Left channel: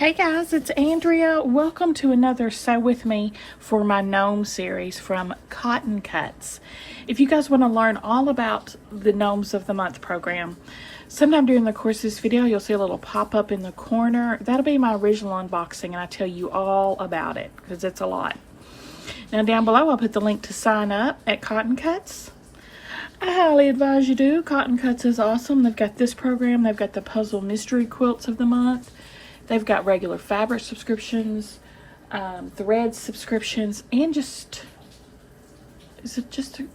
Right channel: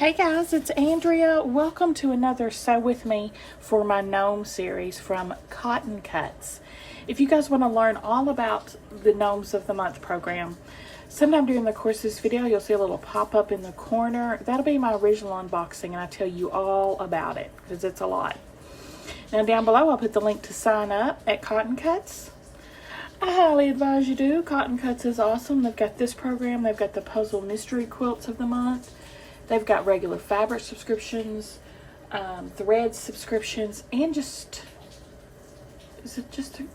Hey guys, it's Andrea. Welcome to another Sew With Me for my Gnome series from Cotton Cuts. If you guys want to learn all about the Gnomes of the Month program, sometime during the course of this video you'll see a little pop-up in the corner. That'll be my original unboxing and I tell you all about it because it's a lot. Now down below I'll put the link to sign up at Cotton Cuts. I highly advise you do. Cotton Cuts is awesome. They've got this program, they've got the puzzle mystery quilts of the month. They've got regular fabric subscriptions, thread subscriptions, and is it just a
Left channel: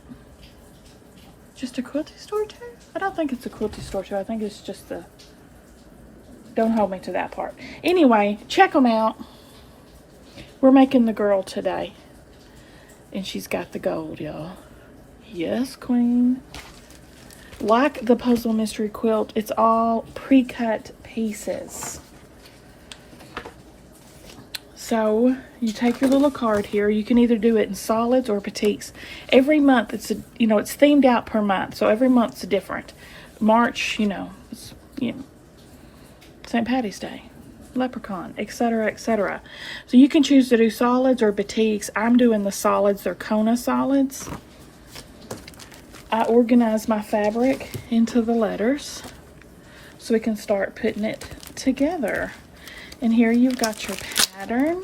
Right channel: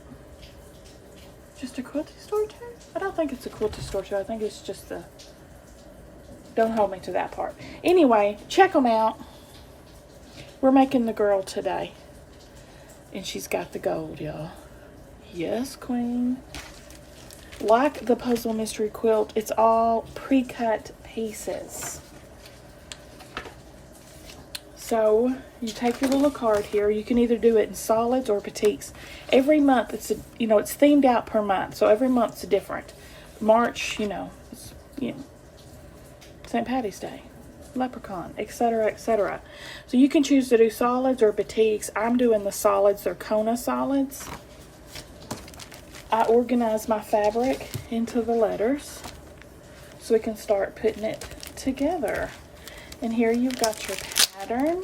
quilty store too? I don't think it's a quilty store too. I think it's just don't hold me to that part. Anyway, check them out. We're making the girl today. And she's got the gold, y'all. Yes, queen. Like the puzzle mystery quilt, it's all pre-cut pieces. So you take your little card here. You can either do it in solids or batiks. Every month it's it's themed out per month, so every month's different. March, it's St. Patty's Day, Leprechaun, etc., etc. So you can choose to do solids or batiks. I'm doing the solids. They're Kona solids. I organize my fabric into the letters so we can start putting it together. And here you've got your pattern.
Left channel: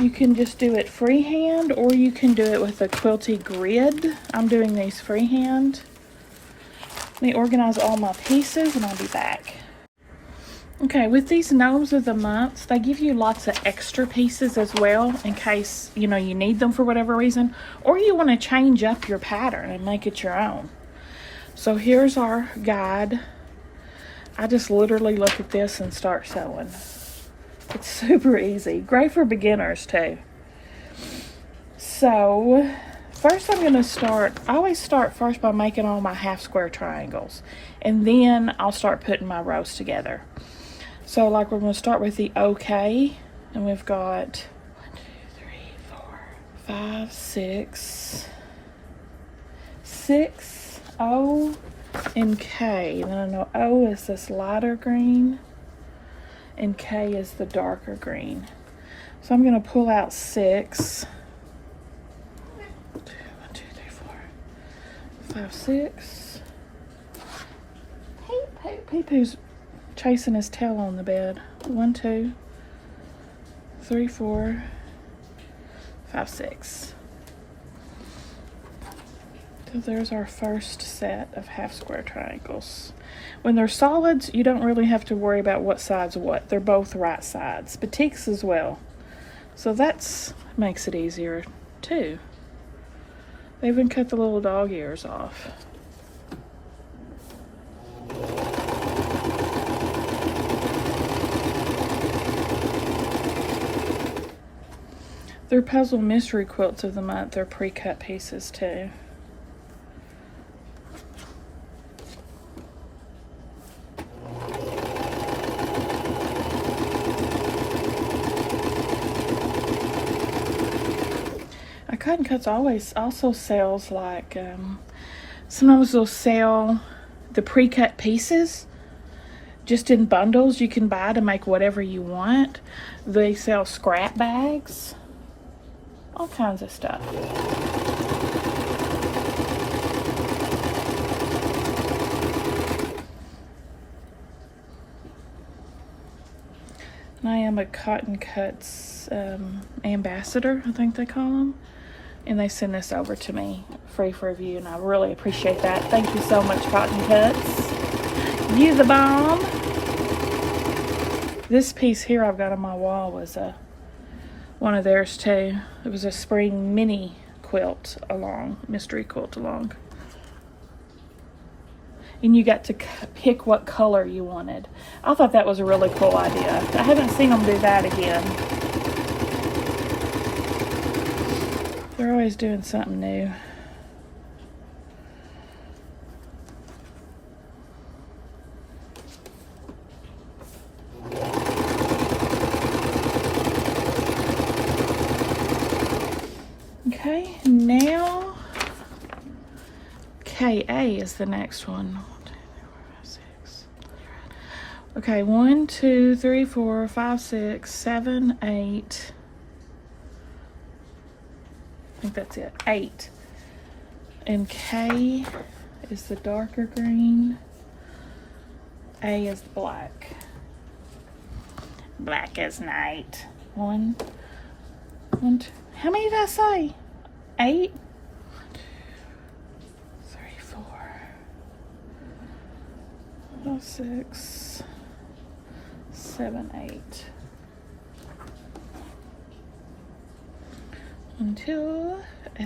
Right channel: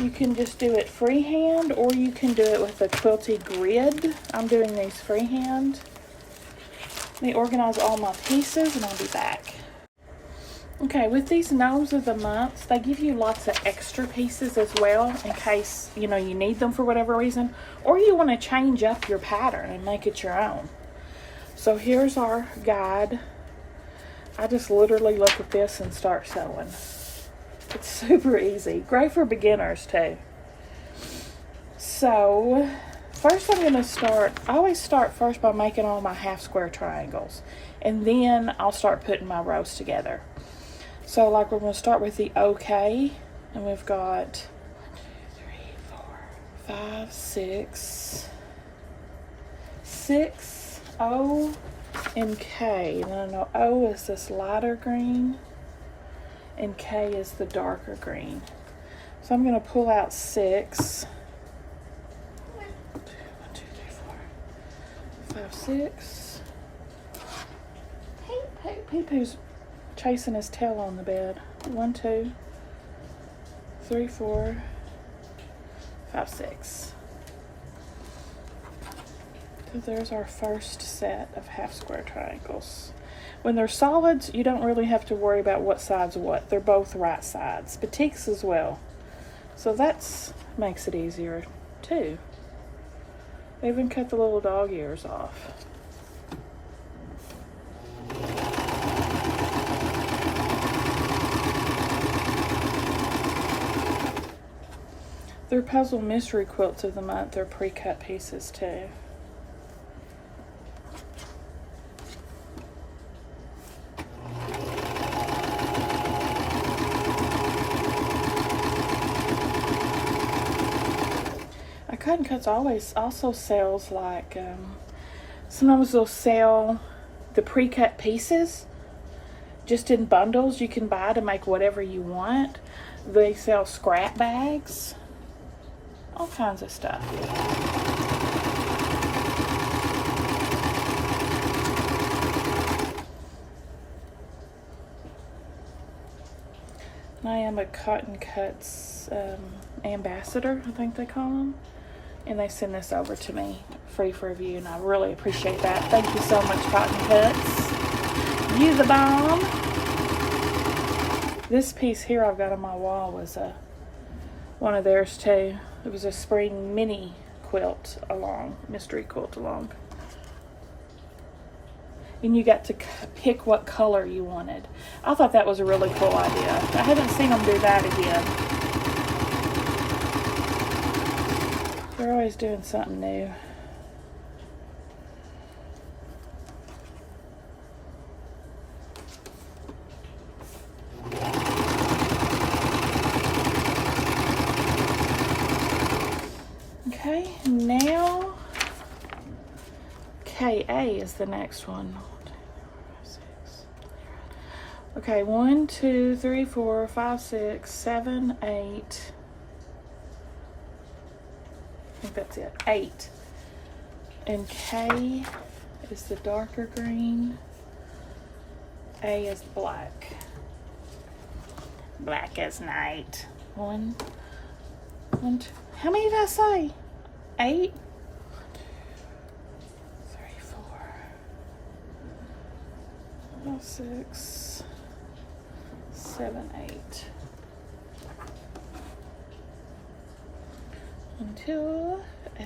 You can just do it freehand or you can do it with a quilty grid. I'm doing these freehand. Let me organize all my pieces and I'll be back. Okay, with these Gnomes of the Month, they give you lots of extra pieces as well in case, you need them for whatever reason, or you want to change up your pattern and make it your own. So here's our guide. I just literally look at this and start sewing. It's super easy. Great for beginners too. So first I'm going to start, I always start first by making all my half square triangles. And then I'll start putting my rows together. So like we're going to start with the OK. And we've got 1, 2, 3, 4, 5, 6, 6, O, and K. And I know O is this lighter green and K is the darker green. So I'm going to pull out 6. 1, 2, 3, 4, 5, 6. Pee-Poo's chasing his tail on the bed. 1, 2, 3, 4, 5, 6. So there's our first set of half square triangles. When they're solids, you don't really have to worry about what side's what. They're both right sides. Batiks as well. So that makes it easier too. They even cut the little dog ears off. They're puzzle mystery quilts of the month. They're pre-cut pieces too. Cotton Cuts also sells like sometimes they'll sell the pre-cut pieces just in bundles you can buy to make whatever you want. They sell scrap bags, all kinds of stuff. I am a Cotton Cuts ambassador, I think they call them. And they send this over to me free for review, and I really appreciate that. Thank you so much, Cotton Cuts. You the bomb. This piece here I've got on my wall was one of theirs too. It was a spring mini quilt along, mystery quilt along. And you got to pick what color you wanted. I thought that was a really cool idea. I haven't seen them do that again. They're always doing something new. Okay, now KA is the next one. Okay, 1, 2, 3, 4, 5, 6, 7, 8. I think that's it. 8. And K is the darker green. A is black. Black as night. 1, 2. How many did I say? 8? 3, 4, 5, 6, 7, 8. 1, 2,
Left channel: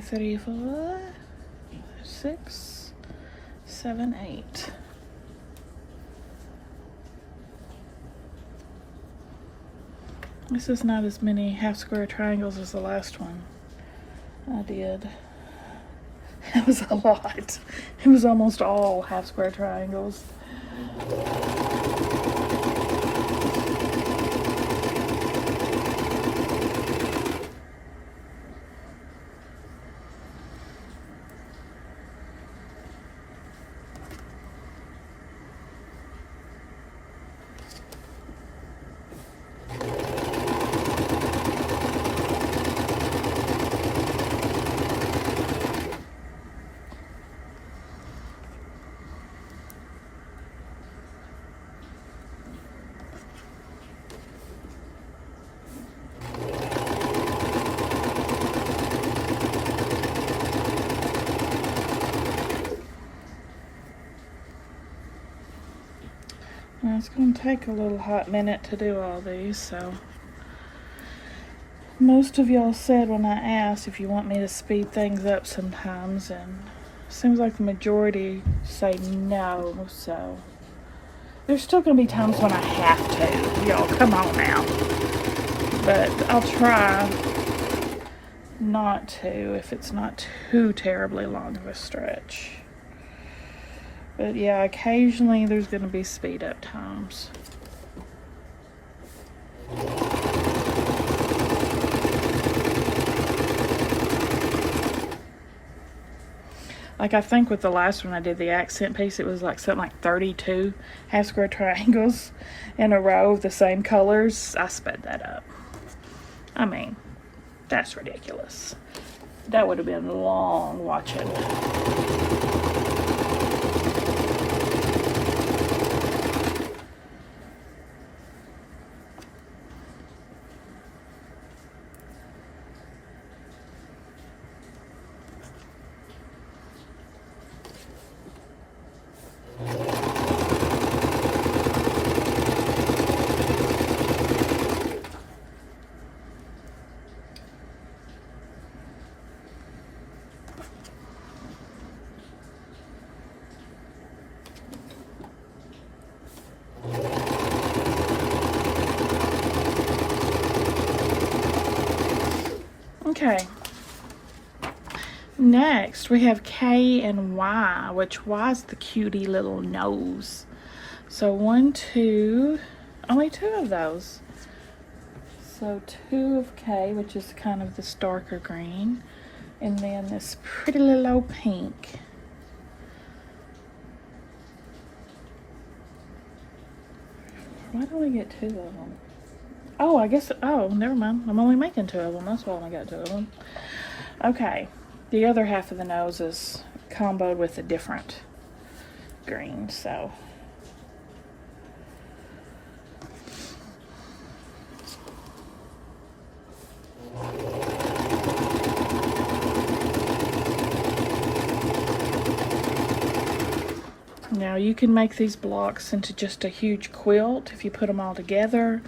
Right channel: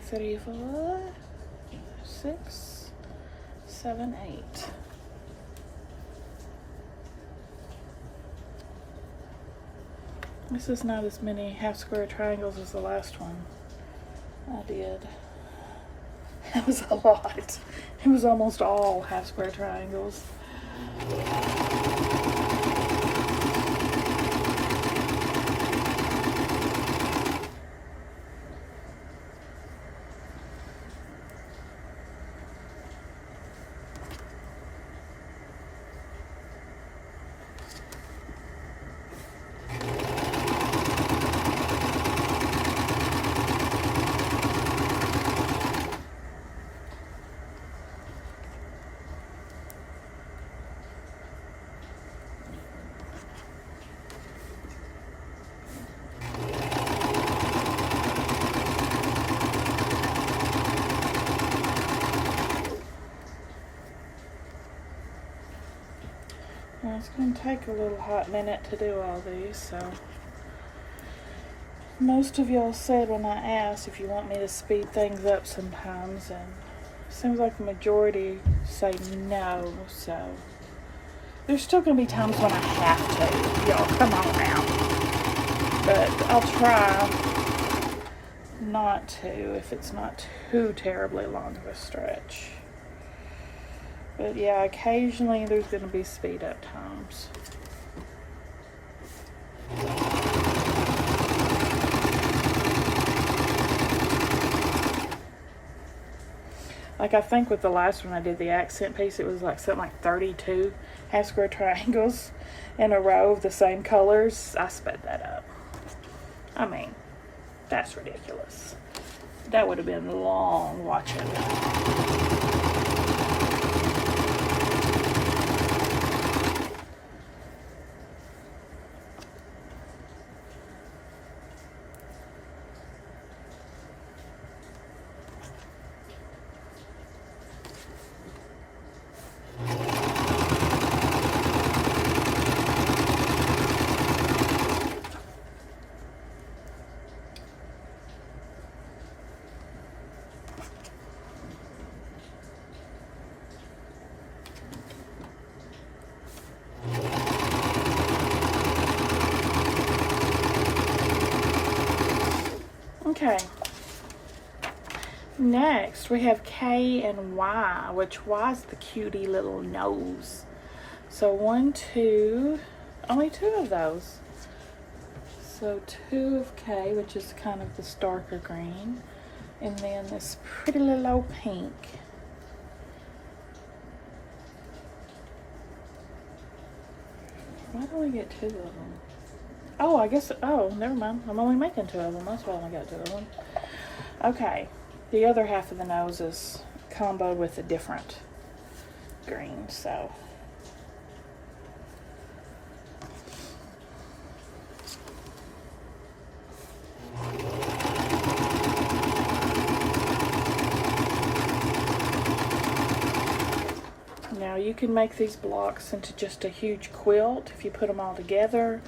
3, 4, 6, 7, 8. This is not as many half square triangles as the last one I did. It was a lot. It was almost all half square triangles. Now it's going to take a little hot minute to do all these, so most of y'all said when I asked if you want me to speed things up sometimes, and it seems like the majority say no, so there's still going to be times when I have to. Y'all, come on now. But I'll try not to if it's not too terribly long of a stretch. But yeah, occasionally there's going to be speed up times. Like I think with the last one I did, the accent piece, it was like something like 32 half square triangles in a row of the same colors. I sped that up. I mean, that's ridiculous. That would have been long watching. Okay. Next, we have K and Y, which Y is the cutie little nose. So 1, 2, only 2 of those. So 2 of K, which is kind of this darker green, and then this pretty little old pink. Why don't we get 2 of them? Oh, I guess, oh, never mind. I'm only making 2 of them. That's why I only got 2 of them. Okay. The other half of the nose is comboed with a different green, so. Now you can make these blocks into just a huge quilt if you put them all together,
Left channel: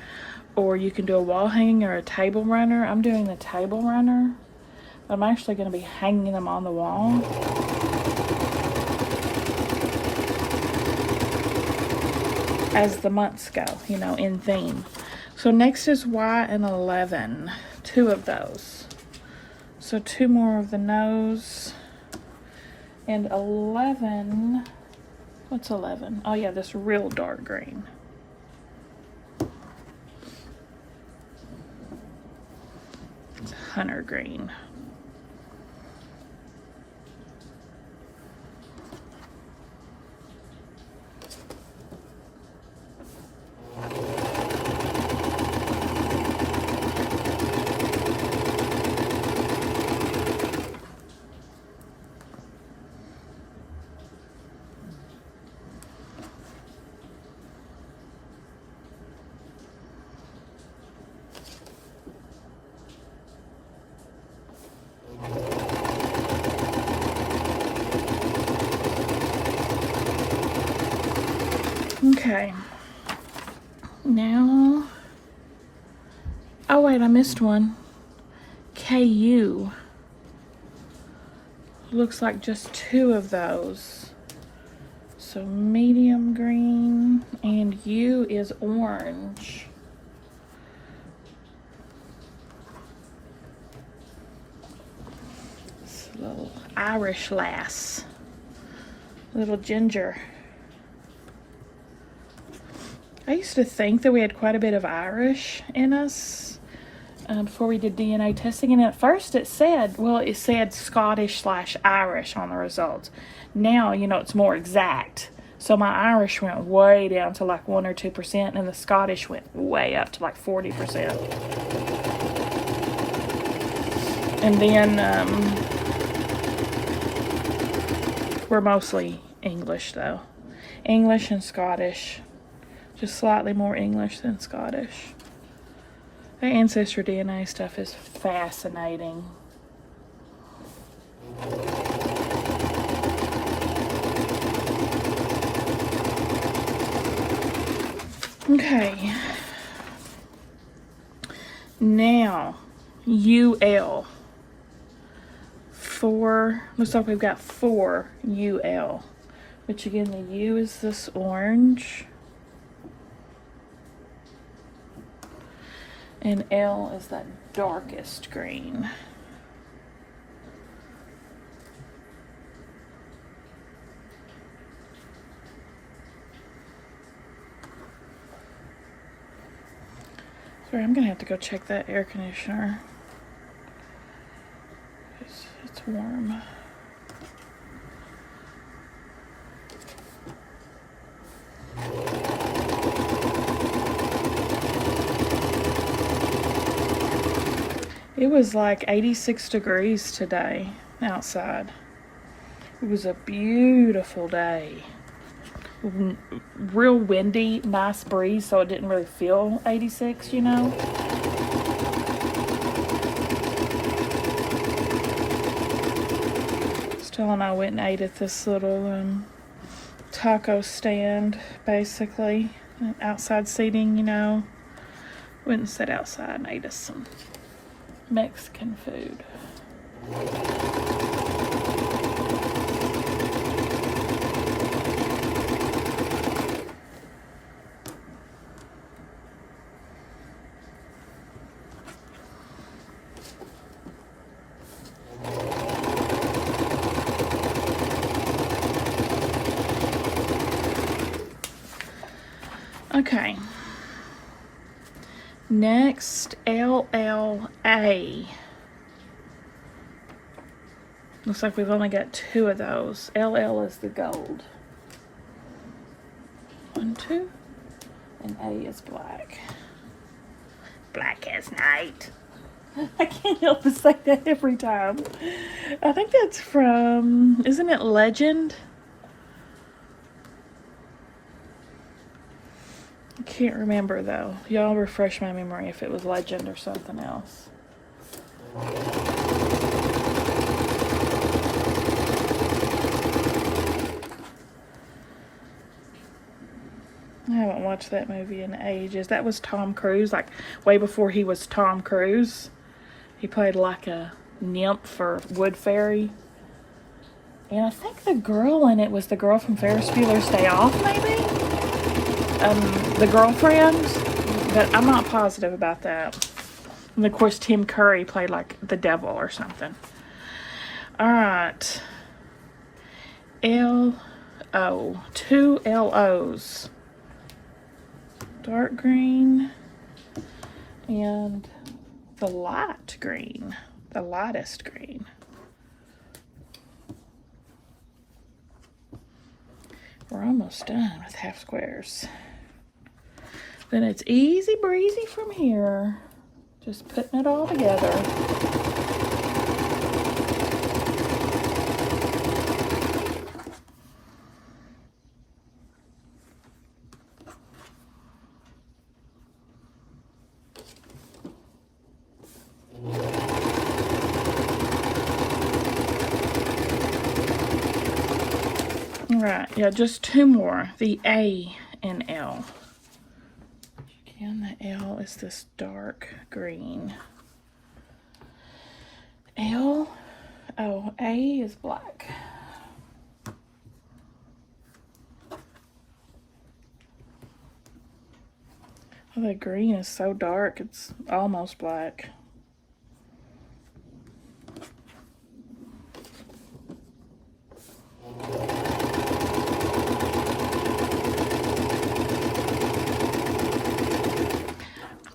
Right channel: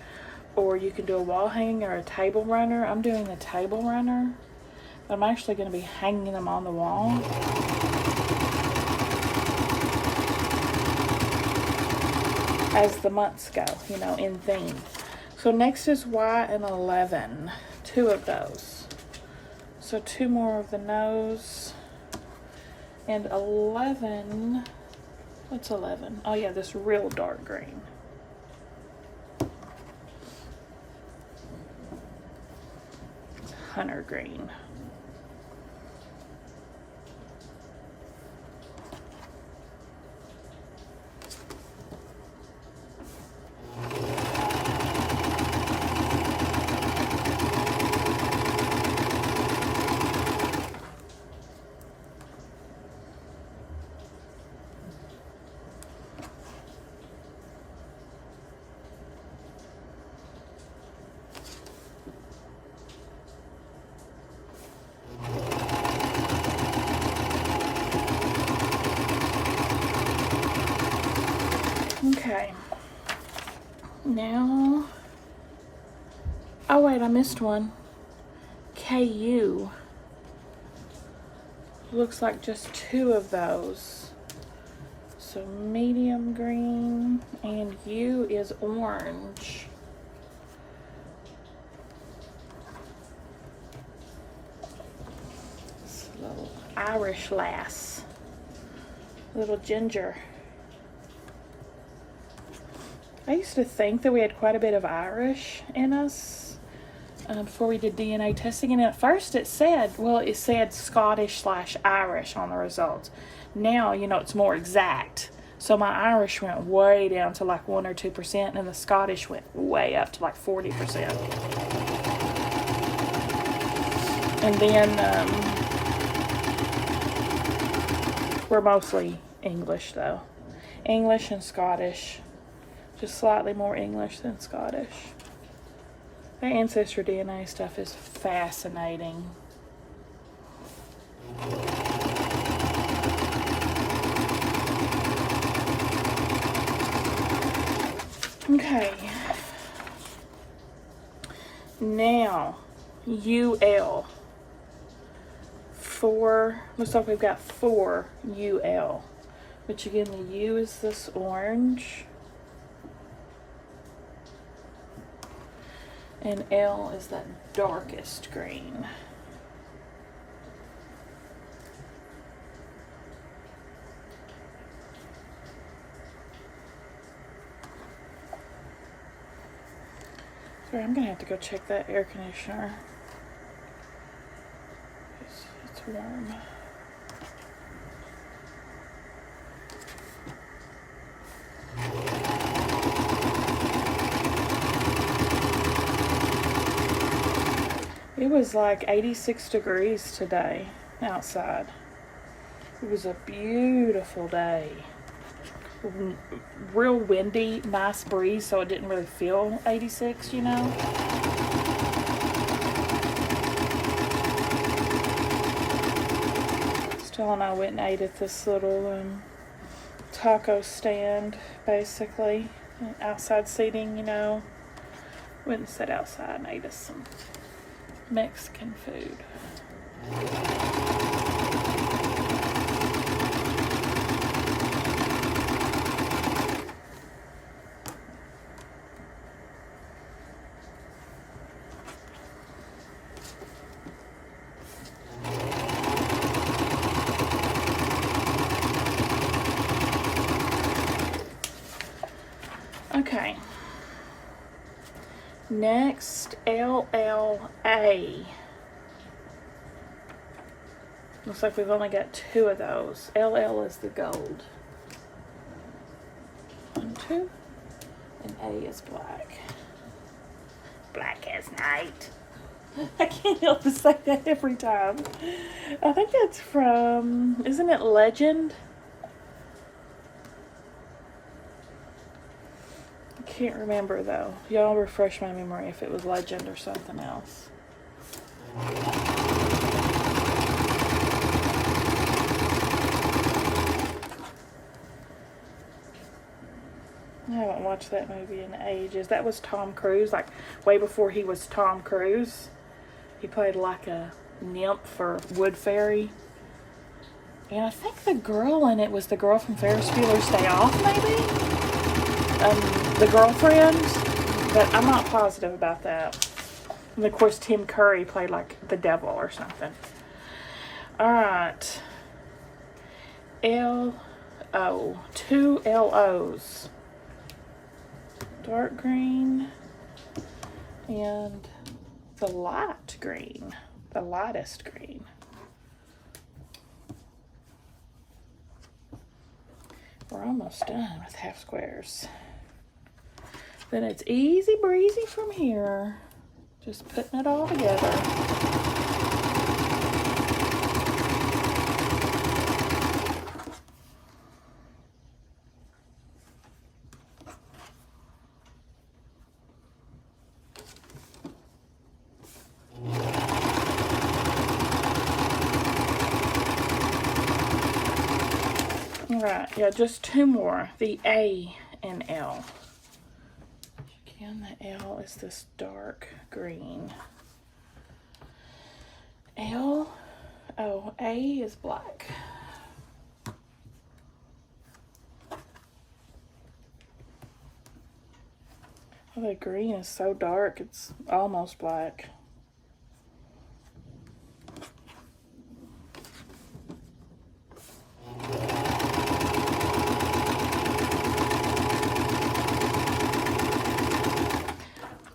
or you can do a wall hanging or a table runner. I'm doing a table runner. I'm actually going to be hanging them on the wall. As the months go, you know, in theme. So next is Y and 11. 2 of those. So 2 more of the nose. And 11, what's 11? Oh yeah, this real dark green. It's hunter green. looks like just 2 of those. So medium green, and U is orange. This little Irish lass, little ginger. I used to think that we had quite a bit of Irish in us before we did DNA testing, and at first it said Scottish/Irish on the results. Now, you know, it's more exact. So my Irish went way down to like 1 or 2%, and the Scottish went way up to like 40%. And then we're mostly English though. English and Scottish. Just slightly more English than Scottish. The ancestry DNA stuff is fascinating. Okay. Now, UL. 4, looks like we've got 4 UL. Which again, the U is this orange. And L is that darkest green. Sorry, I'm gonna have to go check that air conditioner. It's warm. It was like 86 degrees today outside. It was a beautiful day. Real windy, nice breeze, so it didn't really feel 86, you know. Still, and I went and ate at this little taco stand, basically. Outside seating, you know. Went and sat outside and ate us some Mexican food. Okay. Next, LLA. Looks like we've only got 2 of those. LL is the gold. 1, 2. And A is black. Black as night. I can't help but say that every time. I think that's from, isn't it Legend? I can't remember though. Y'all refresh my memory if it was Legend or something else. I haven't watched that movie in ages. That was Tom Cruise, like way before he was Tom Cruise. He played like a nymph or wood fairy. And I think the girl in it was the girl from Ferris Bueller's Day Off, maybe? The girlfriend, but I'm not positive about that. And of course, Tim Curry played like the devil or something. All right. L-O. 2 L-O's. Dark green and the light green, the lightest green. We're almost done with half squares. Then it's easy breezy from here. Just putting it all together. Right, yeah, just 2 more. The A and L. Again, the L is this dark green. L, oh, A is black. The green is so dark, it's almost black.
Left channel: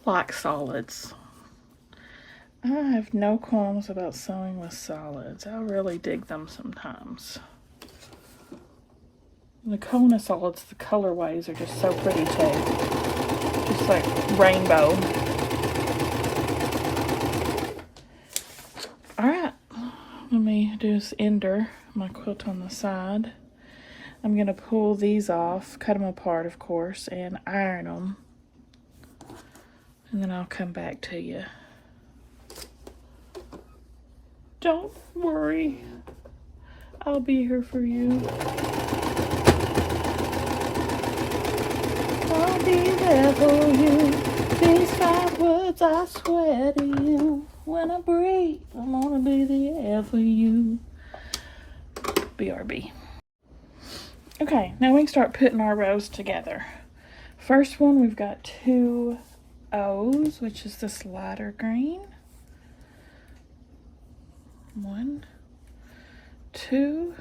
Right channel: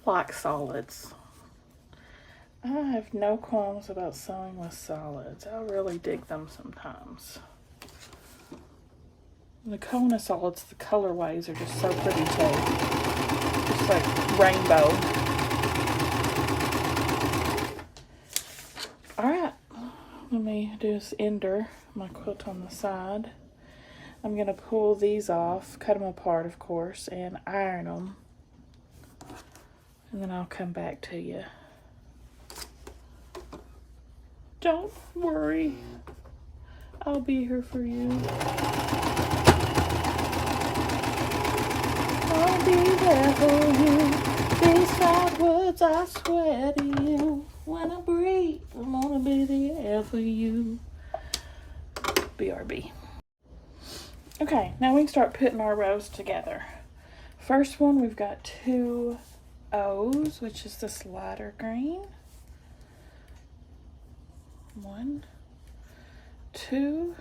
Black solids. I have no qualms about sewing with solids. I really dig them sometimes. The Kona solids, the colorways are just so pretty too. Just like rainbow. Alright, let me do this ender, my quilt on the side. I'm going to pull these off, cut them apart of course, and iron them. And then I'll come back to you. Don't worry, I'll be here for you. I'll be there for you. These my words I swear to you. When I breathe, I'm gonna be there for you. BRB. Okay, now we can start putting our rows together. First one, we've got 2 O's, which is this lighter green. 1, 2,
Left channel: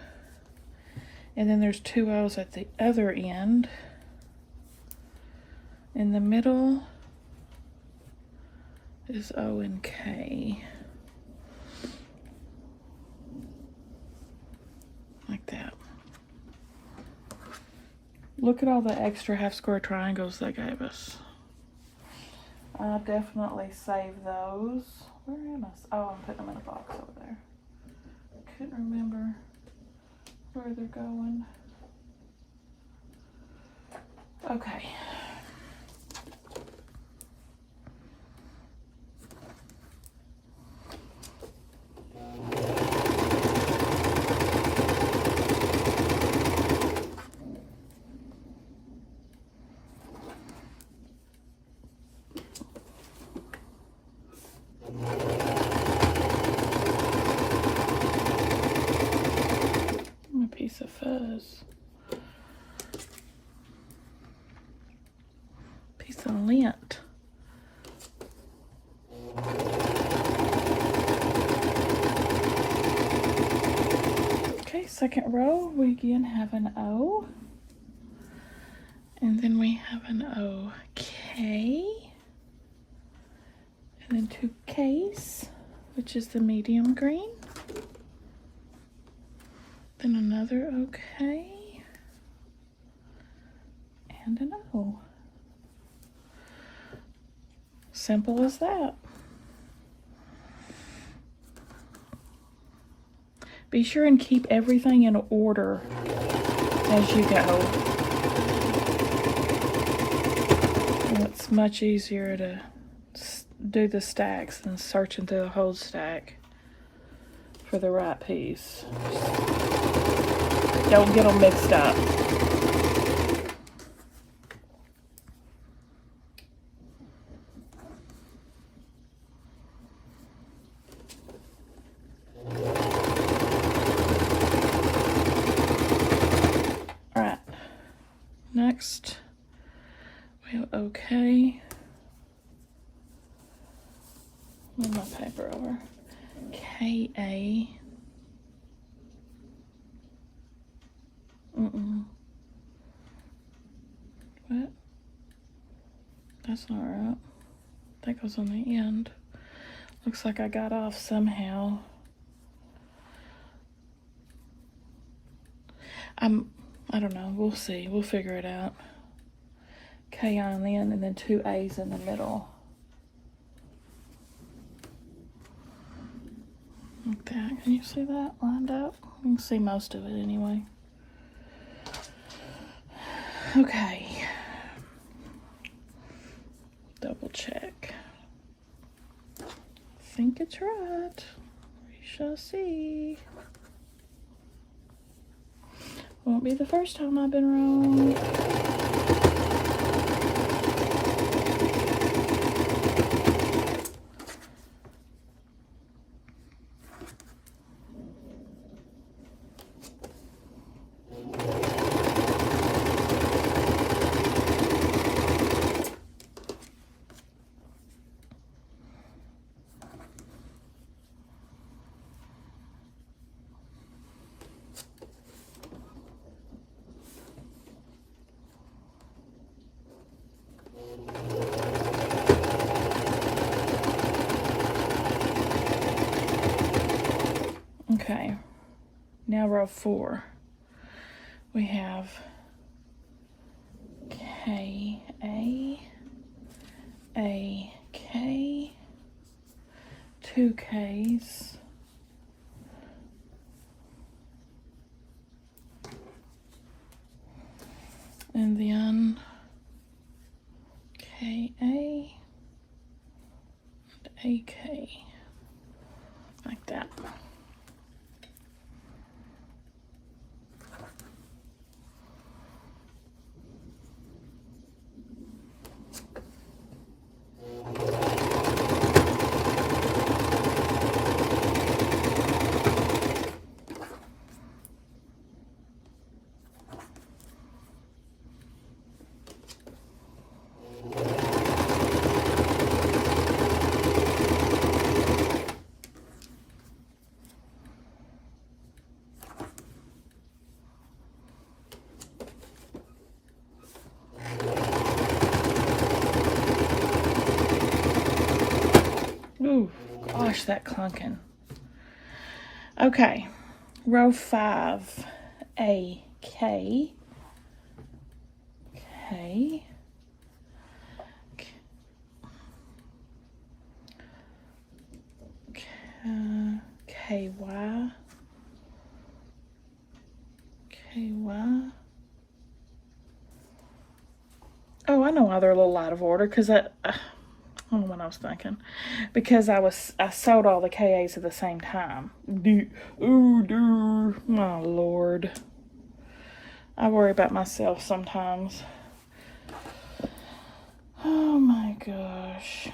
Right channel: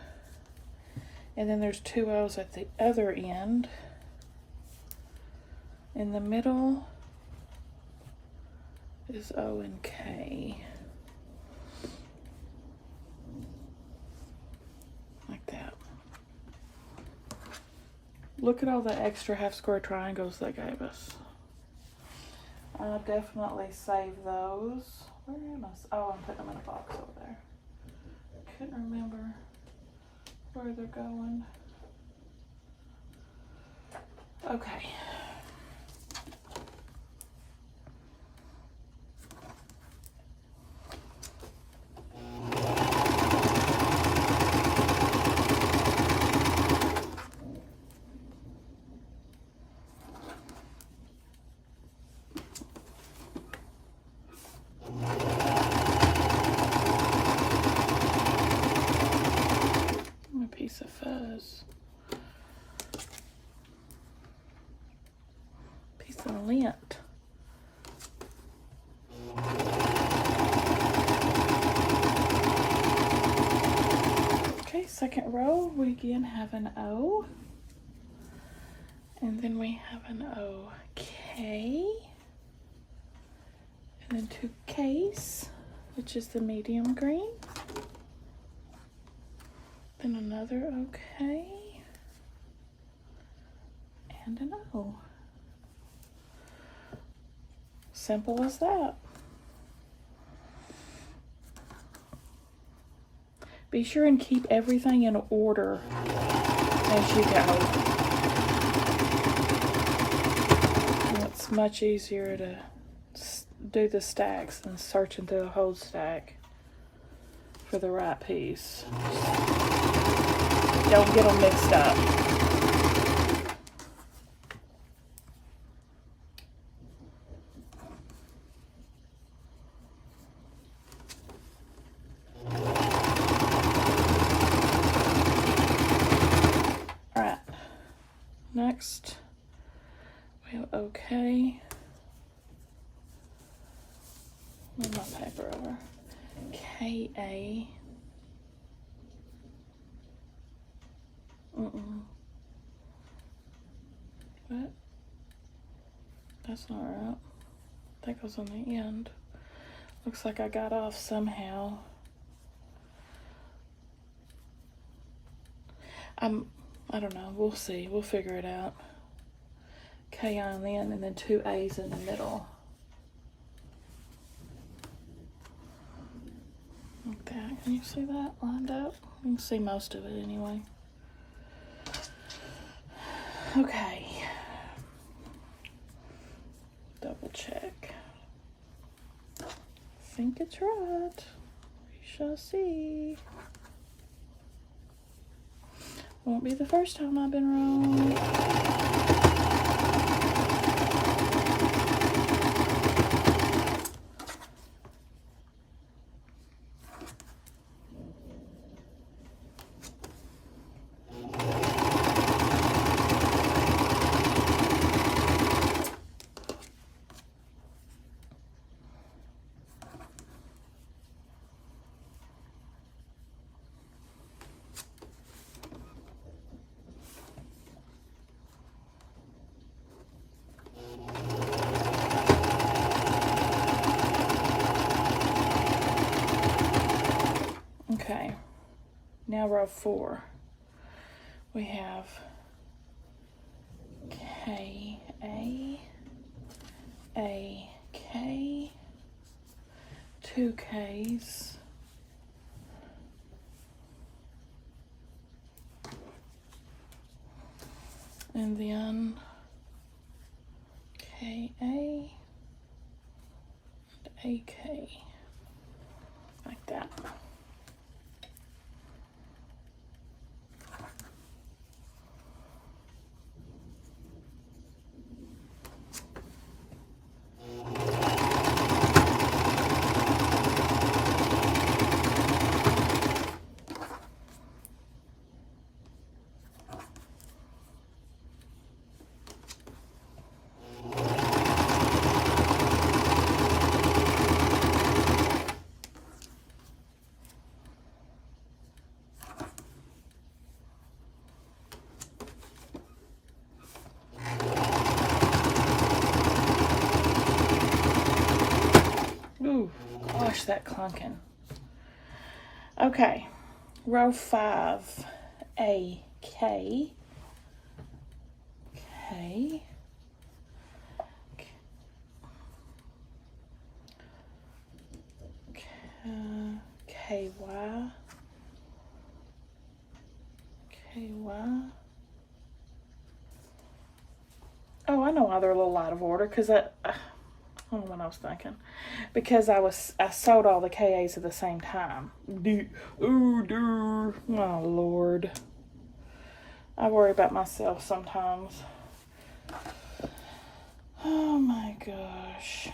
and then there's 2 O's at the other end. In the middle is O and K. Like that. Look at all the extra half square triangles they gave us. I'll definitely save those. Where am I? Oh, I'm putting them in a box over there. I couldn't remember where they're going. Okay. Piece of fuzz. Piece of lint. Okay, second row, we again have an O. And then we have an OK. And then 2 Ks, which is the medium green. Then another OK, and an O. Simple as that. Be sure and keep everything in order as you go. And it's much easier to do the stacks than searching through a whole stack for the right piece. Don't get them mixed up. All right. Next, we have OK. Move my paper over. KA. What? That's not right. That goes on the end. Looks like I got off somehow. I don't know. We'll see. We'll figure it out. K on the end and then 2 A's in the middle. Okay, can you see that lined up? You can see most of it anyway. Okay. Double check. I think it's right. We shall see. Won't be the first time I've been wrong. 4. We have K, K, 2 Ks, and then KA and AK, like that. Ooh, gosh, that clunking. Okay, row 5, A, K, K, K, Y, K, Y. Oh, I know why they're a little out of order, because I don't know what I was thinking. Because I sewed all the KAs at the same time. Oh, my Lord. I worry about myself sometimes. Oh my gosh.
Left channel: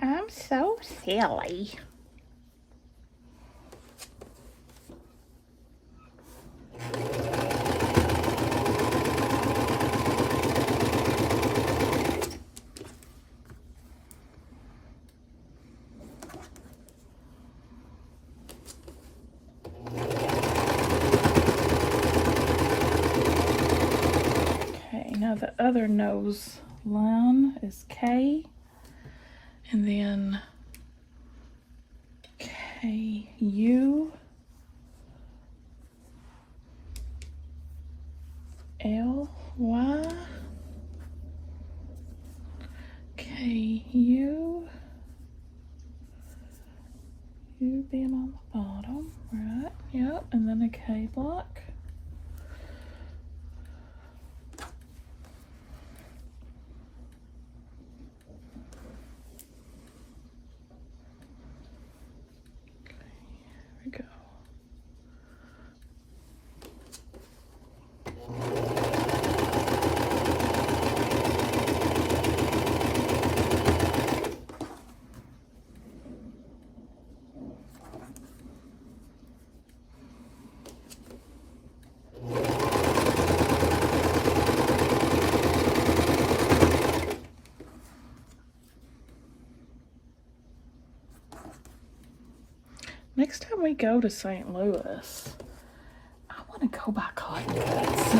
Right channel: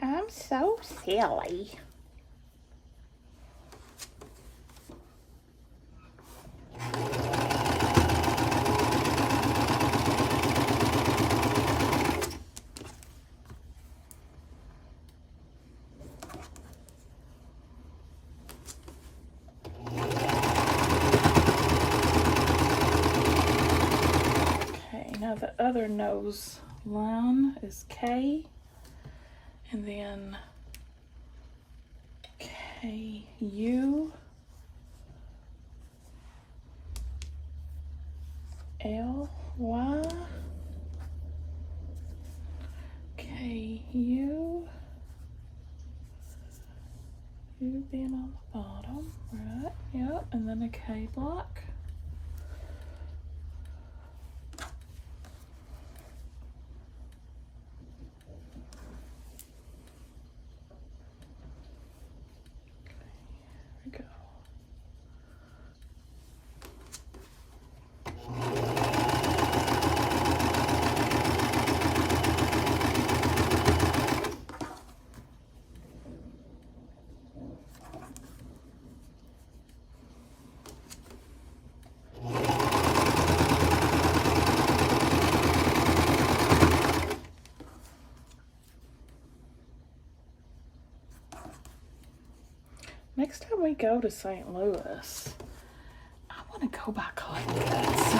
I'm so silly. Okay, now the other nose line is K, and then K-U, L-Y, K-U, U being on the bottom, right, yep, and then a K block. Next time we go to St. Louis, I want to go by Cotton Cuts.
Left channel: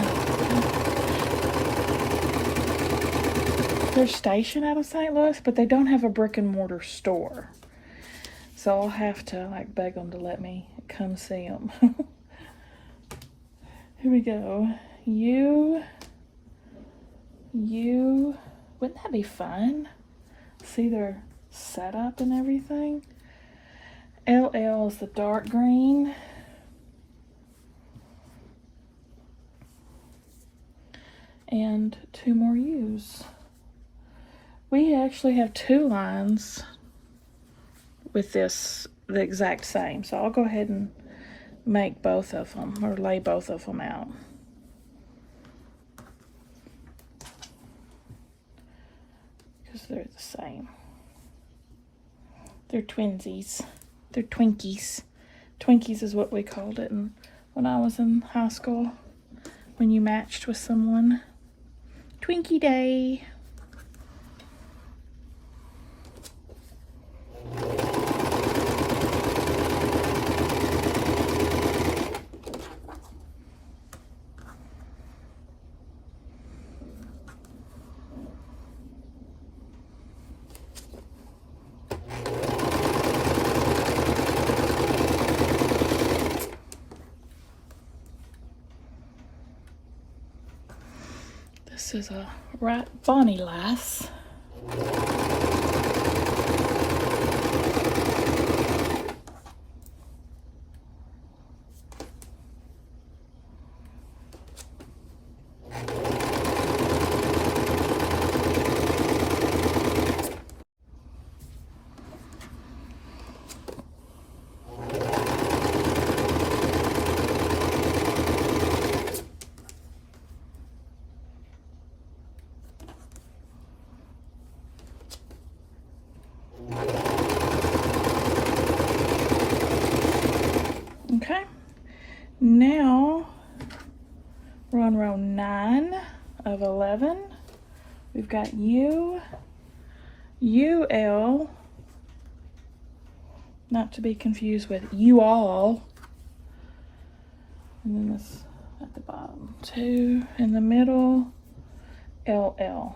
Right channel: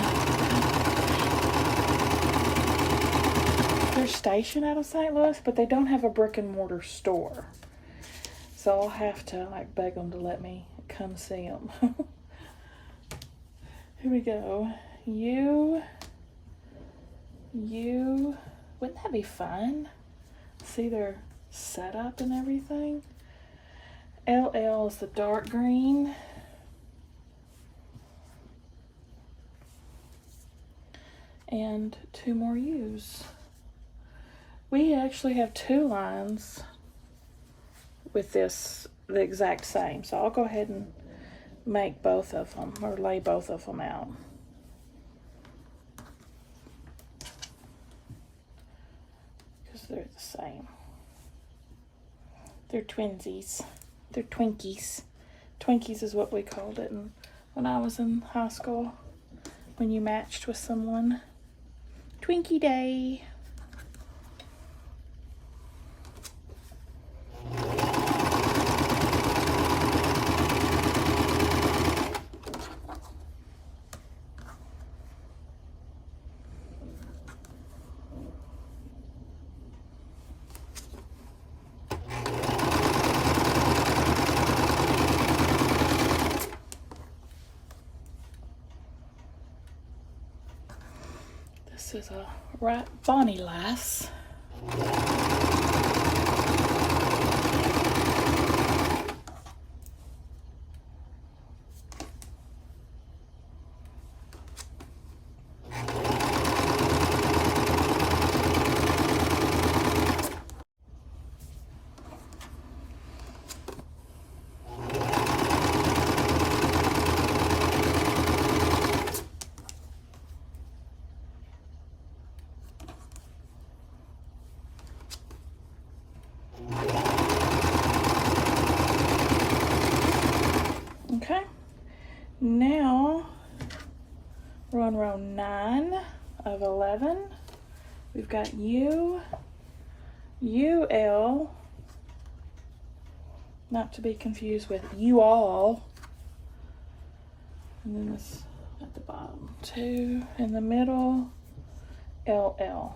They're stationed out of St. Louis, but they don't have a brick and mortar store. So I'll have to like beg them to let me come see them. Here we go. U. Wouldn't that be fun? See their setup and everything. LL is the dark green. And 2 more U's. We actually have 2 lines with this the exact same. So I'll go ahead and make both of them, or lay both of them out. Because they're the same. They're twinsies. They're Twinkies. Twinkies is what we called it when I was in high school. When you matched with someone. Twinkie Day. This is a right bonny lass. Okay, now we're on row 9 of 11. We've got U, UL, not to be confused with you all, and then this at the bottom, 2 in the middle, LL.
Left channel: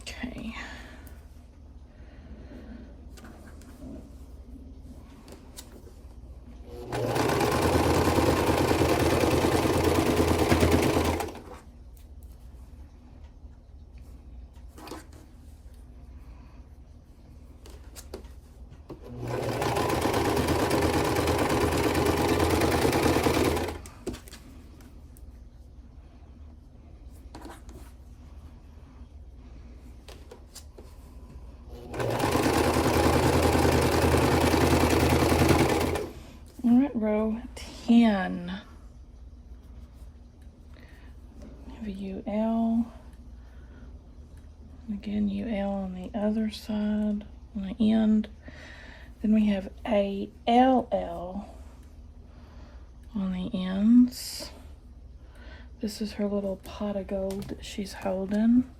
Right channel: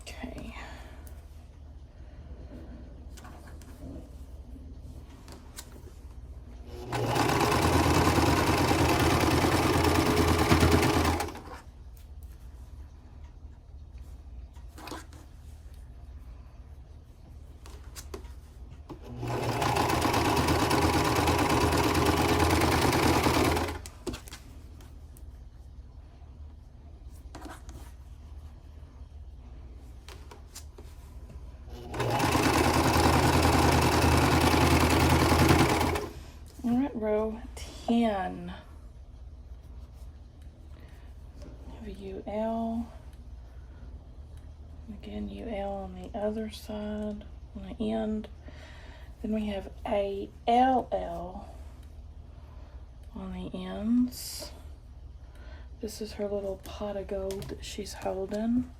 Okay. Row 10. Have a UL. Again, UL on the other side, on the end. Then we have a LL on the ends. This is her little pot of gold that she's holding.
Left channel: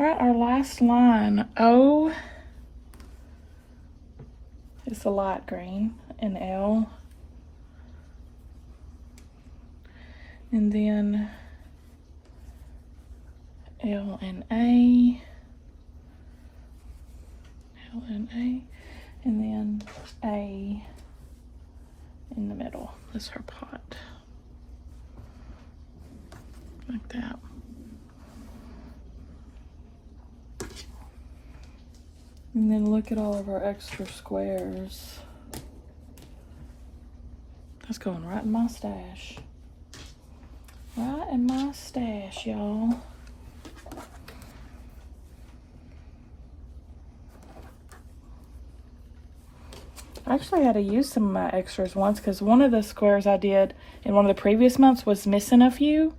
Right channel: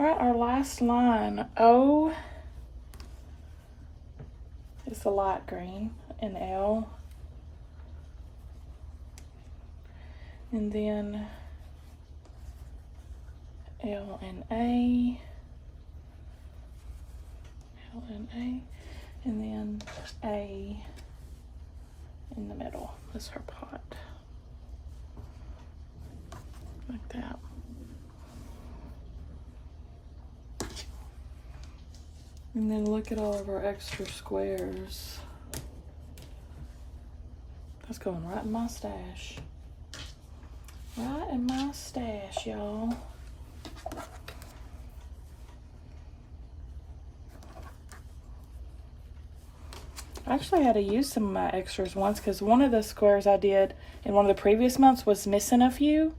Alright, our last line, O is the light green, and L, and then L and A, L and A, and then A in the middle. That's her pot, like that. And then look at all of our extra squares. That's going right in my stash. Right in my stash, y'all. I actually had to use some of my extras once because one of the squares I did in one of the previous months was missing a few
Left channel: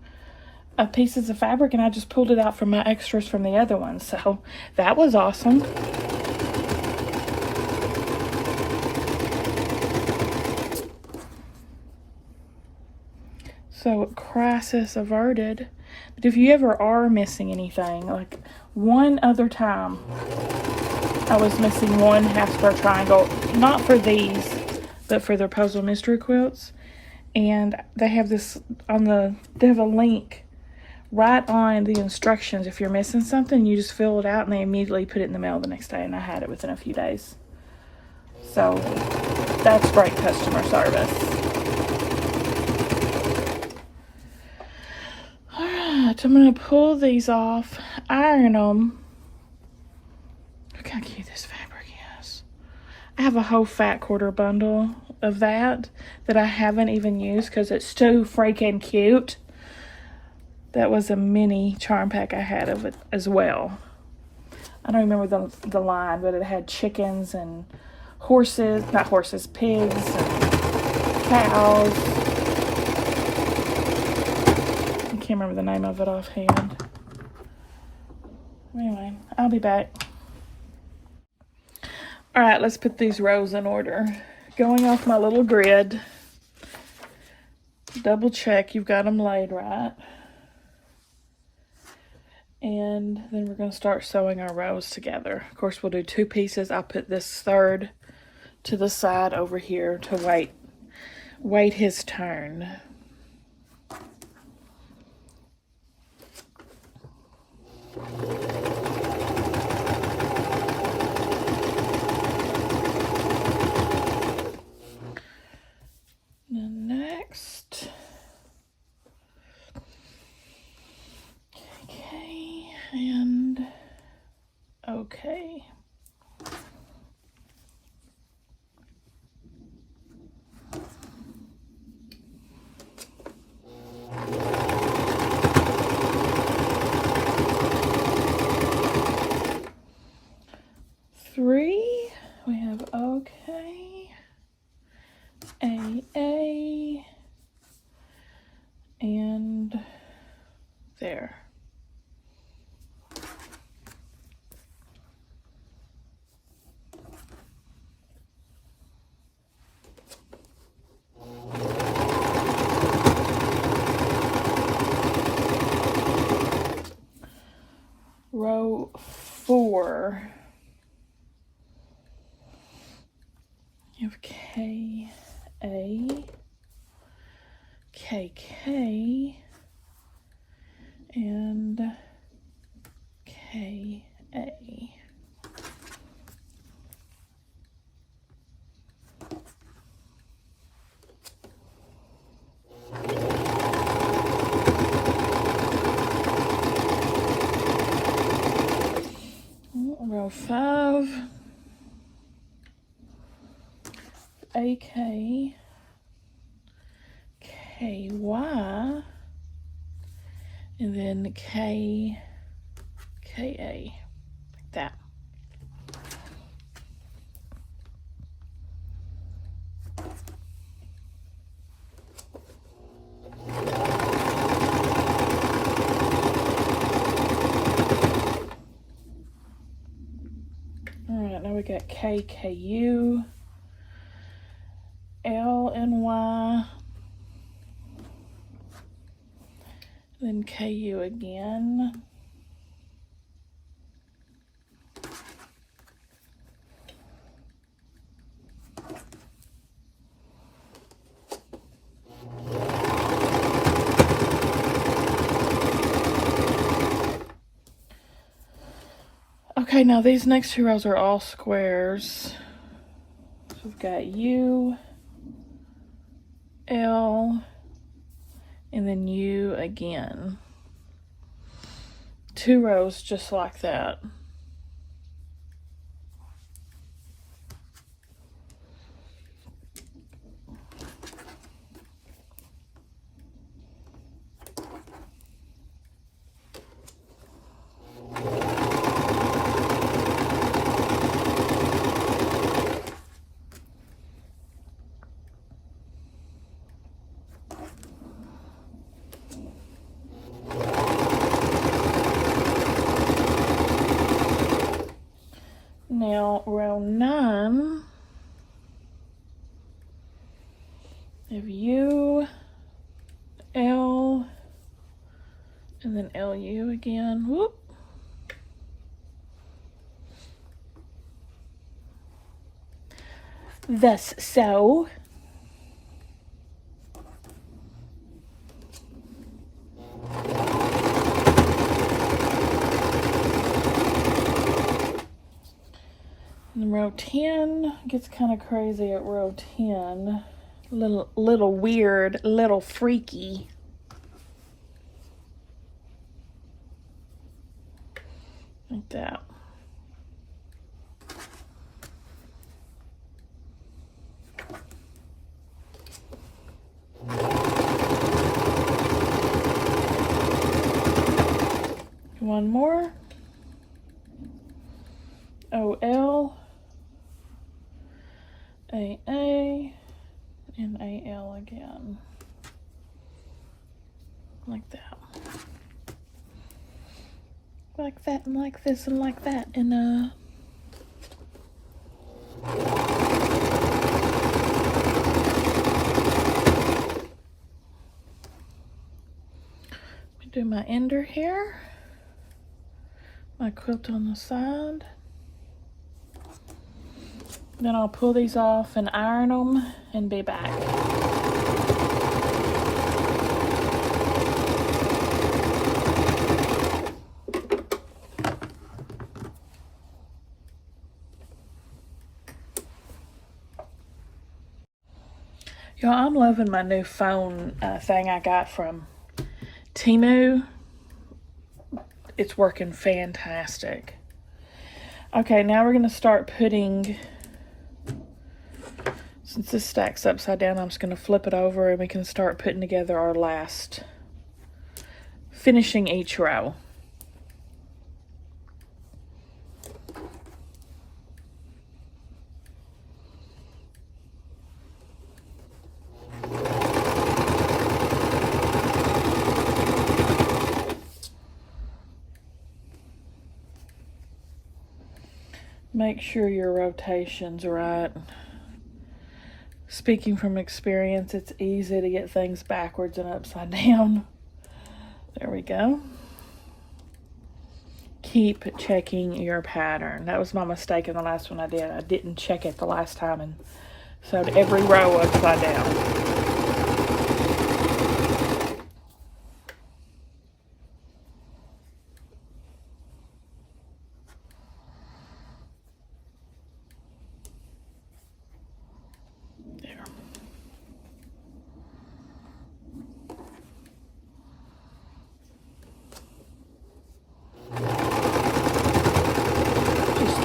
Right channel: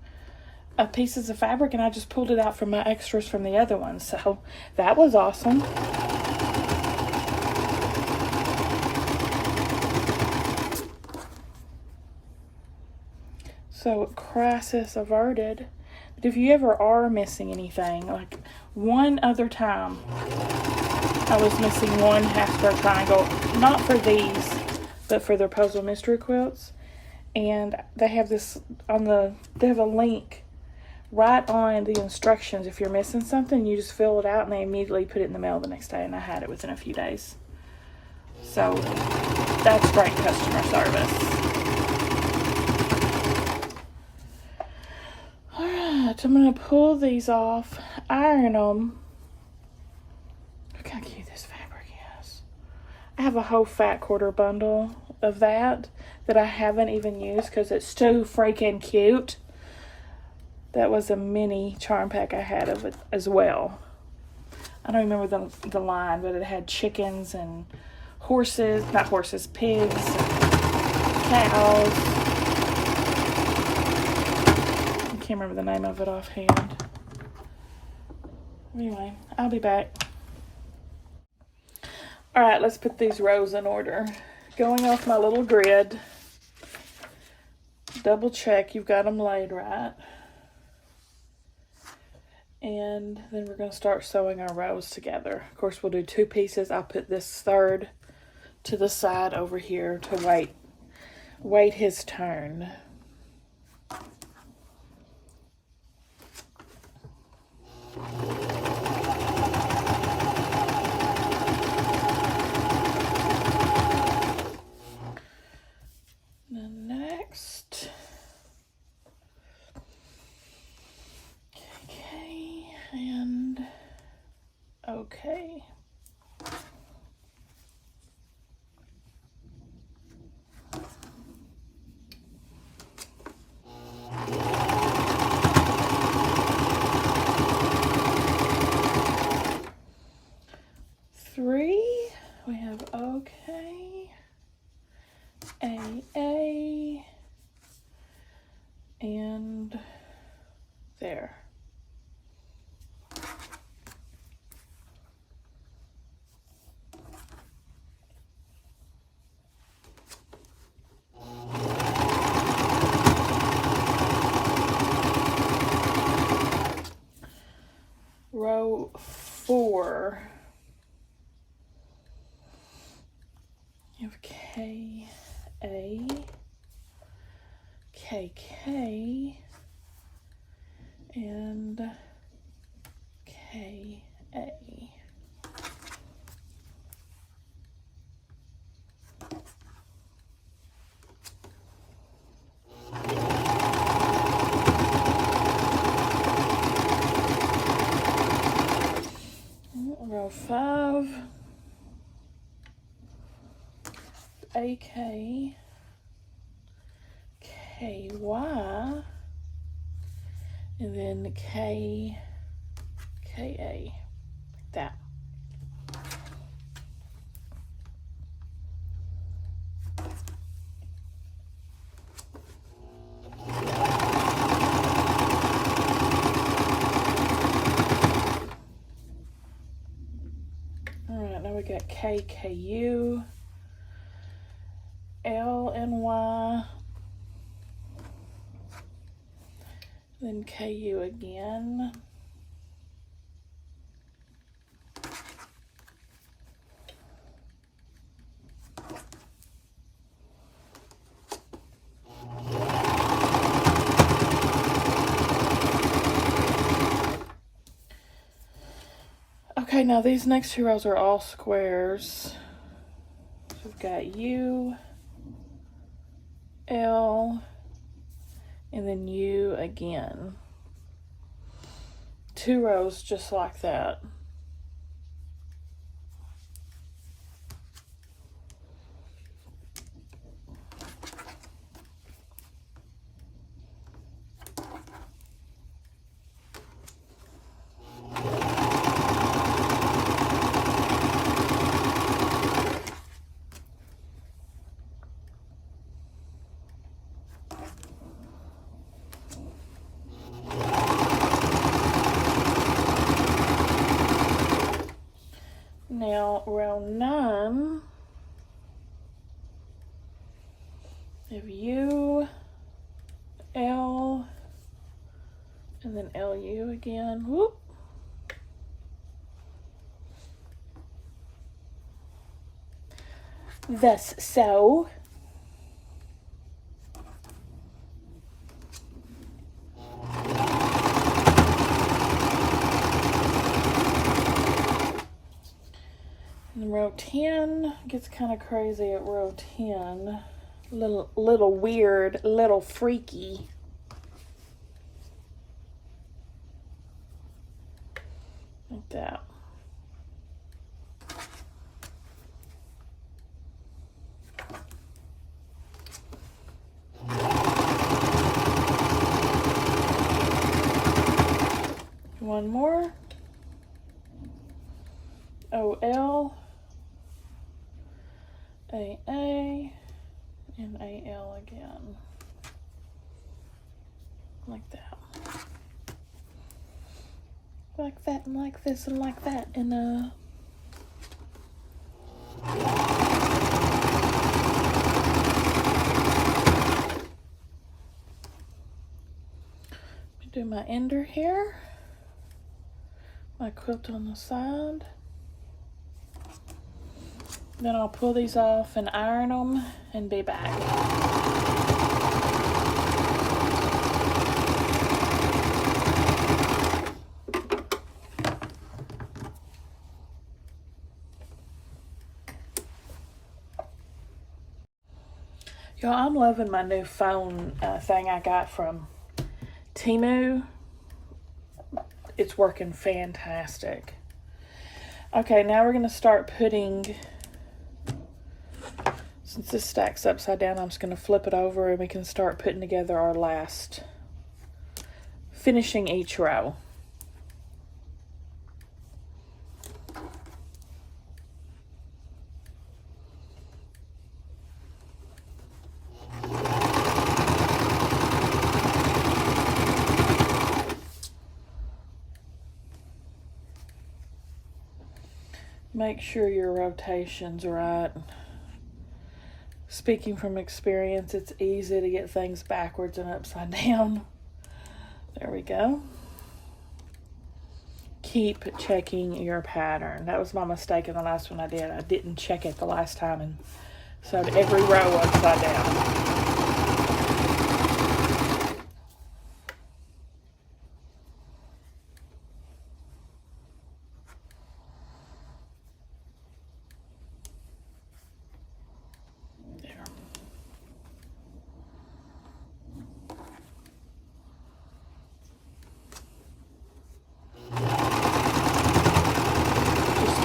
pieces of fabric, and I just pulled it out from my extras from the other ones. So that was awesome. So crisis averted. But if you ever are missing anything, like one other time I was missing one half square triangle, not for these, but for their puzzle mystery quilts, and they have this on the, they have a link right on the instructions. If you're missing something, you just fill it out and they immediately put it in the mail the next day, and I had it within a few days. So that's great customer service. Alright, I'm going to pull these off, iron them. Look how cute this fabric is. I have a whole fat quarter bundle of that I haven't even used because it's too freaking cute. That was a mini charm pack I had of it as well. I don't remember the line, but it had chickens and horses, not horses, pigs, cows. I can't remember the name of it offhand. Anyway, I'll be back. All right, let's put these rows in order. Going off my little grid, double check you've got them laid right. And then we're going to start sewing our rows together. Of course, we'll do 2 pieces. I'll put this third to the side over here to wait his turn. Next. Okay, and okay. Three, we have okay, A, and there. Row 4. You have K, A, K, K, and K, A. Row 5, AK, KY, and then KA, like that. Alright, now we got KKU, L and Y, then KU again. Okay, now these next 2 rows are all squares. So we've got U, L, and then U again. 2 rows just like that. Now, row 9, we have U, L, and then LU again. Whoop. Thus so. Row 10 gets kind of crazy at row 10. Little weird, little freaky. Like that. One more. AA and AL again. Like that. Like that and like this and like that. And do my ender here. My quilt on the side. Then I'll pull these off and iron them and be back. Y'all, I'm loving my new phone thing I got from Temu. It's working fantastic. Okay, now we're going to start putting, since this stacks upside down, I'm just going to flip it over and we can start putting together our last, finishing each row. Make sure your rotation's right. Speaking from experience, it's easy to get things backwards and upside down. There we go. Keep checking your pattern. That was my mistake in the last one I did. I didn't check it the last time and sewed every row upside down.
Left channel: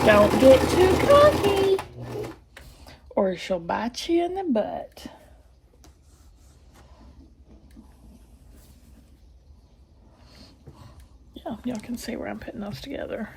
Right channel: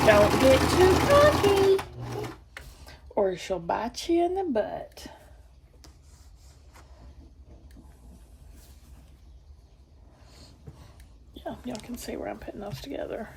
Don't get too cocky, or she'll bite you in the butt. Yeah, y'all can see where I'm putting those together.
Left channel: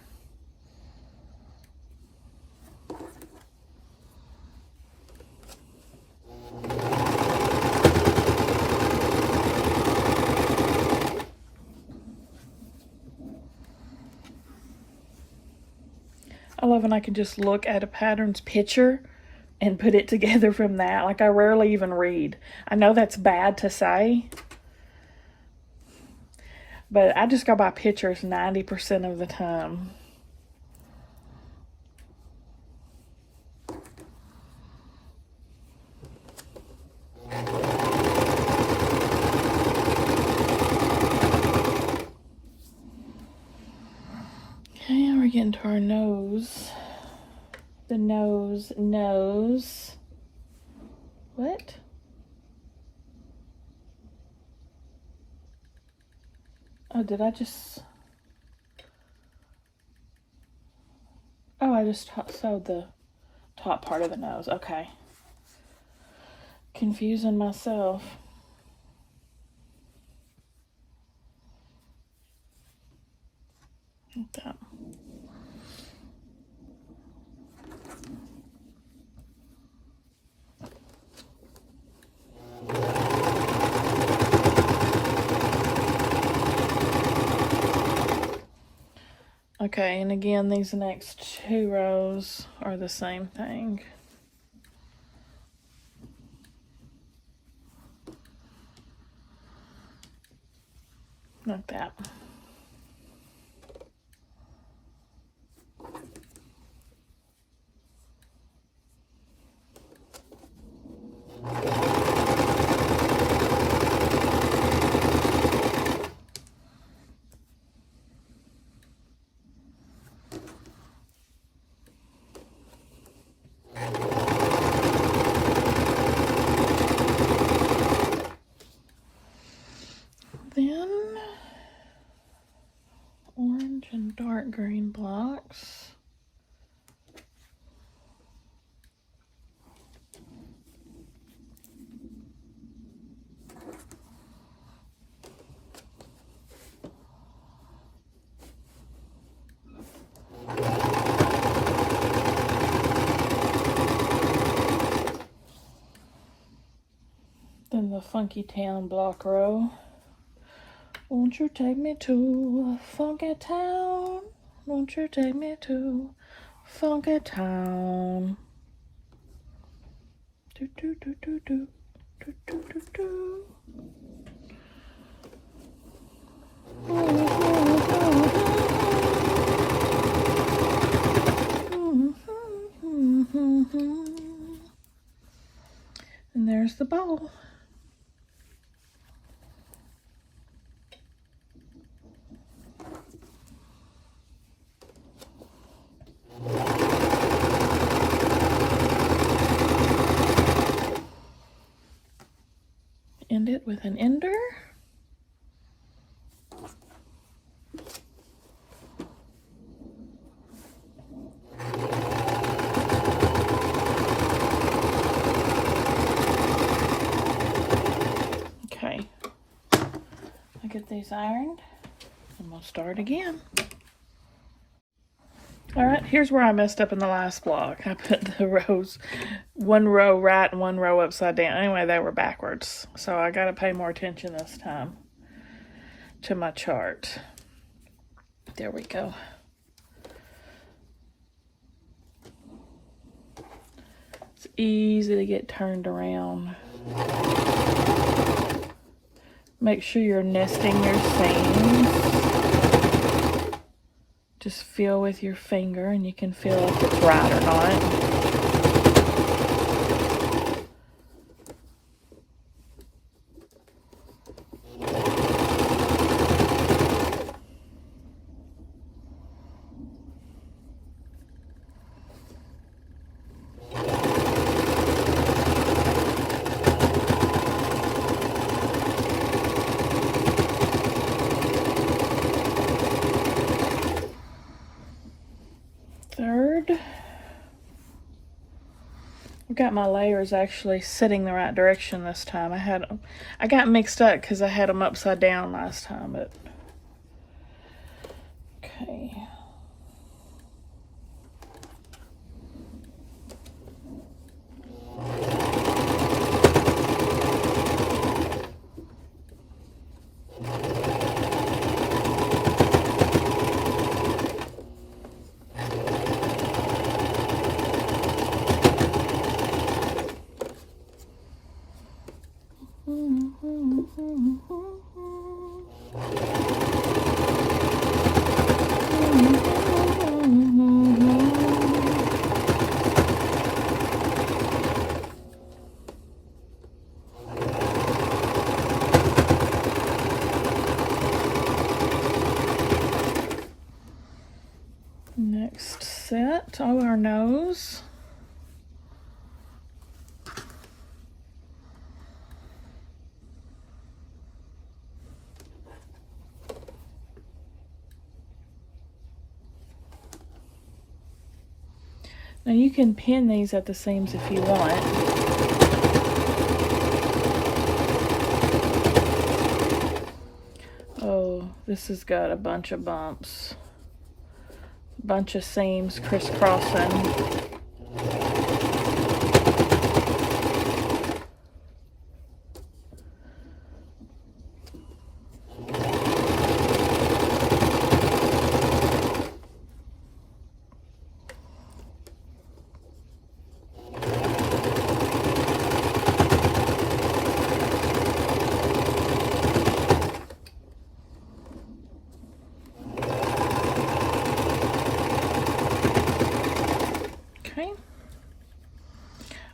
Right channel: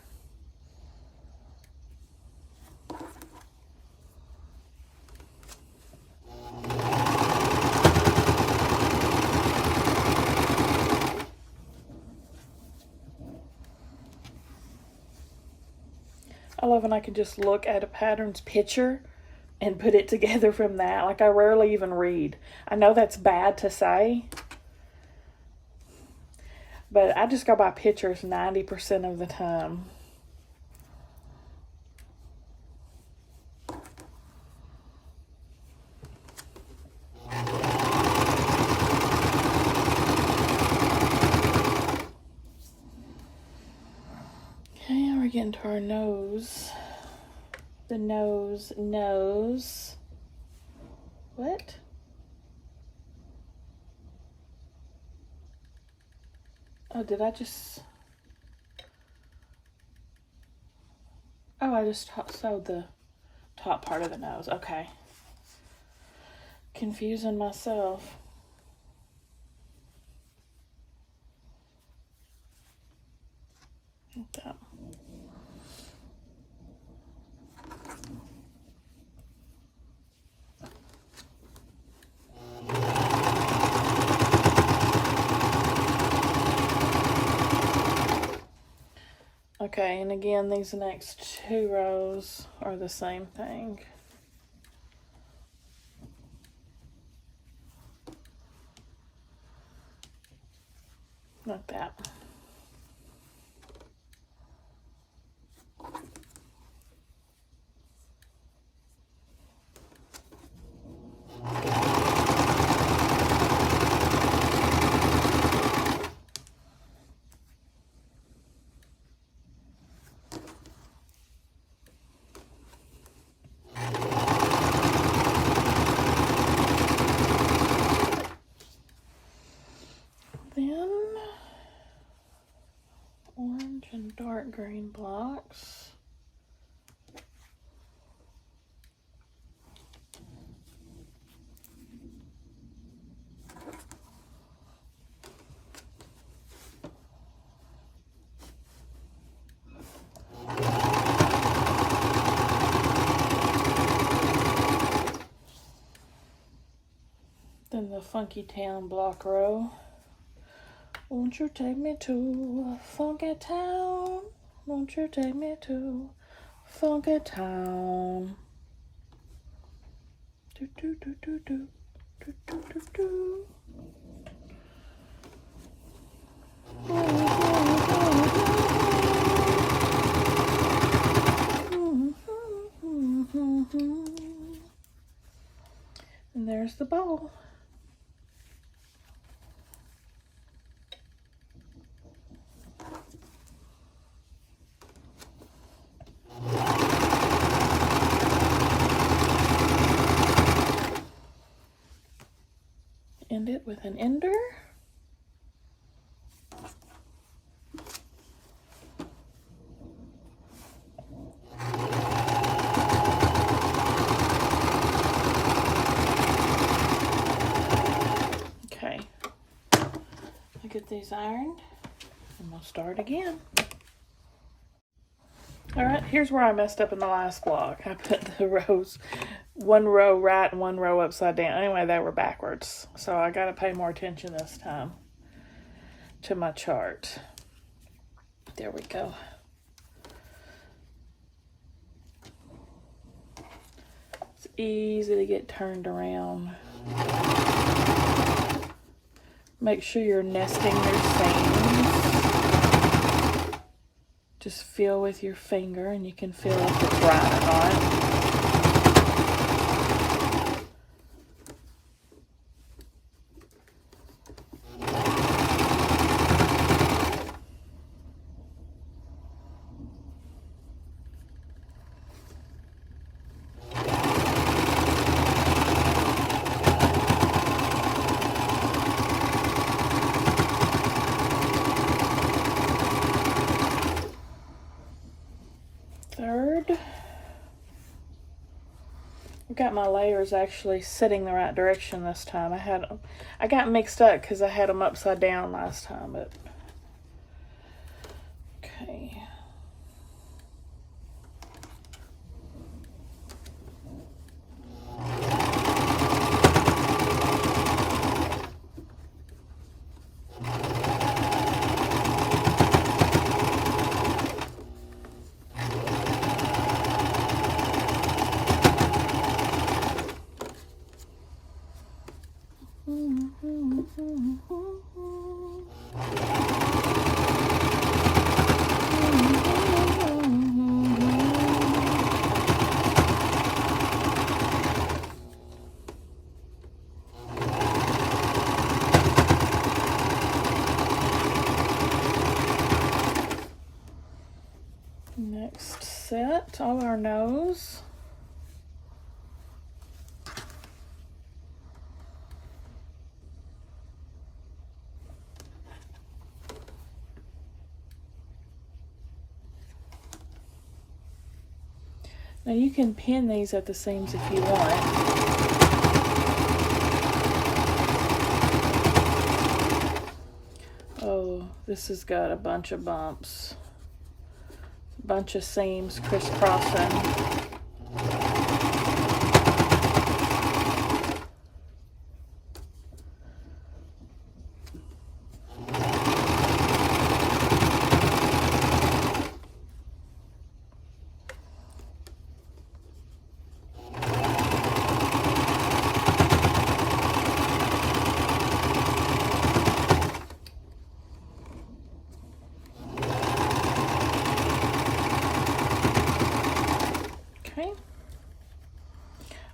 I love when I can just look at a pattern's picture and put it together from that. Like, I rarely even read. I know that's bad to say, but I just go by pictures 90% of the time. Okay, and we're getting to our nose. The nose. What? Oh, did I just... Oh, I just sewed the top part of the nose. Okay. Confusing myself. Like that. Okay, and again, these next two rows are the same thing. Like that. Then the Funky Town block row. Won't you take me to Funky Town? Won't you take me to Funky Town? Do do do do do do do do do. And there's the bowl. End it with an ender. Okay, I'll get these ironed and we'll start again. Alright, here's where I messed up in the last block. I put the rows, one row right and one row upside down. Anyway, they were backwards. So I got to pay more attention this time to my chart. There we go. It's easy to get turned around. Make sure you're nesting your seams. Just feel with your finger and you can feel if it's right or not. Third, I've got my layers actually sitting the right direction this time. I got mixed up because I had them upside down last time, but okay. Next set, all our nose. Now you can pin these at the seams if you want. Oh, this has got a bunch of bumps. Bunch of seams crisscrossing.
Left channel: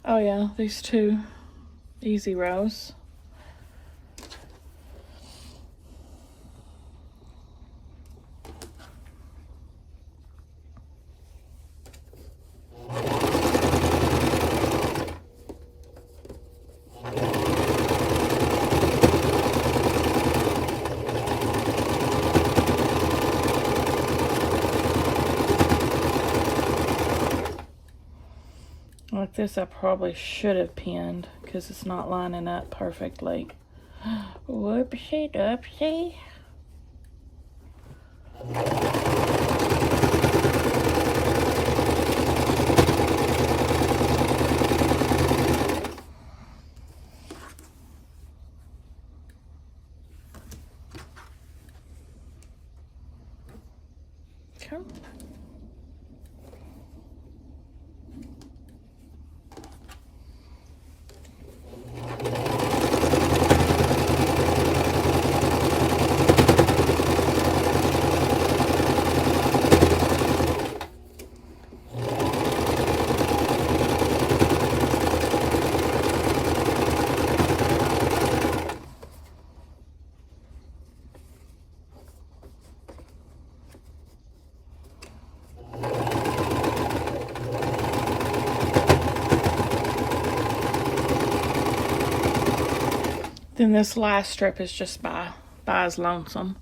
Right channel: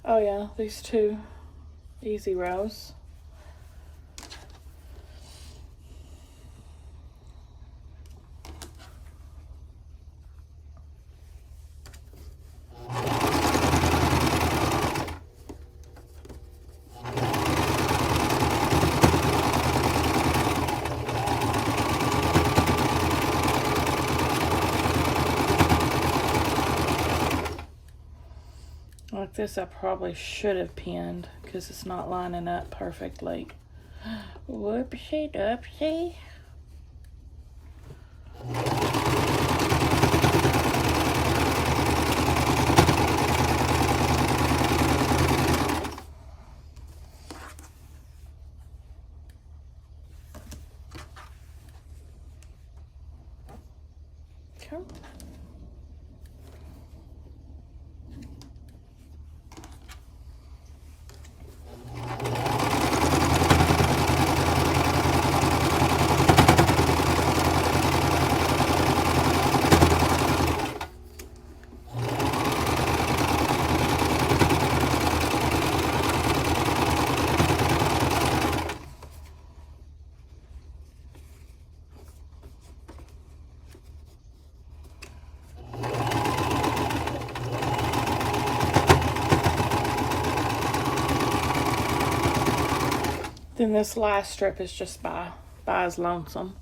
Oh yeah, these two easy rows. Like this, I probably should have pinned because it's not lining up perfectly. Whoopsie doopsie. And this last strip is just by his lonesome.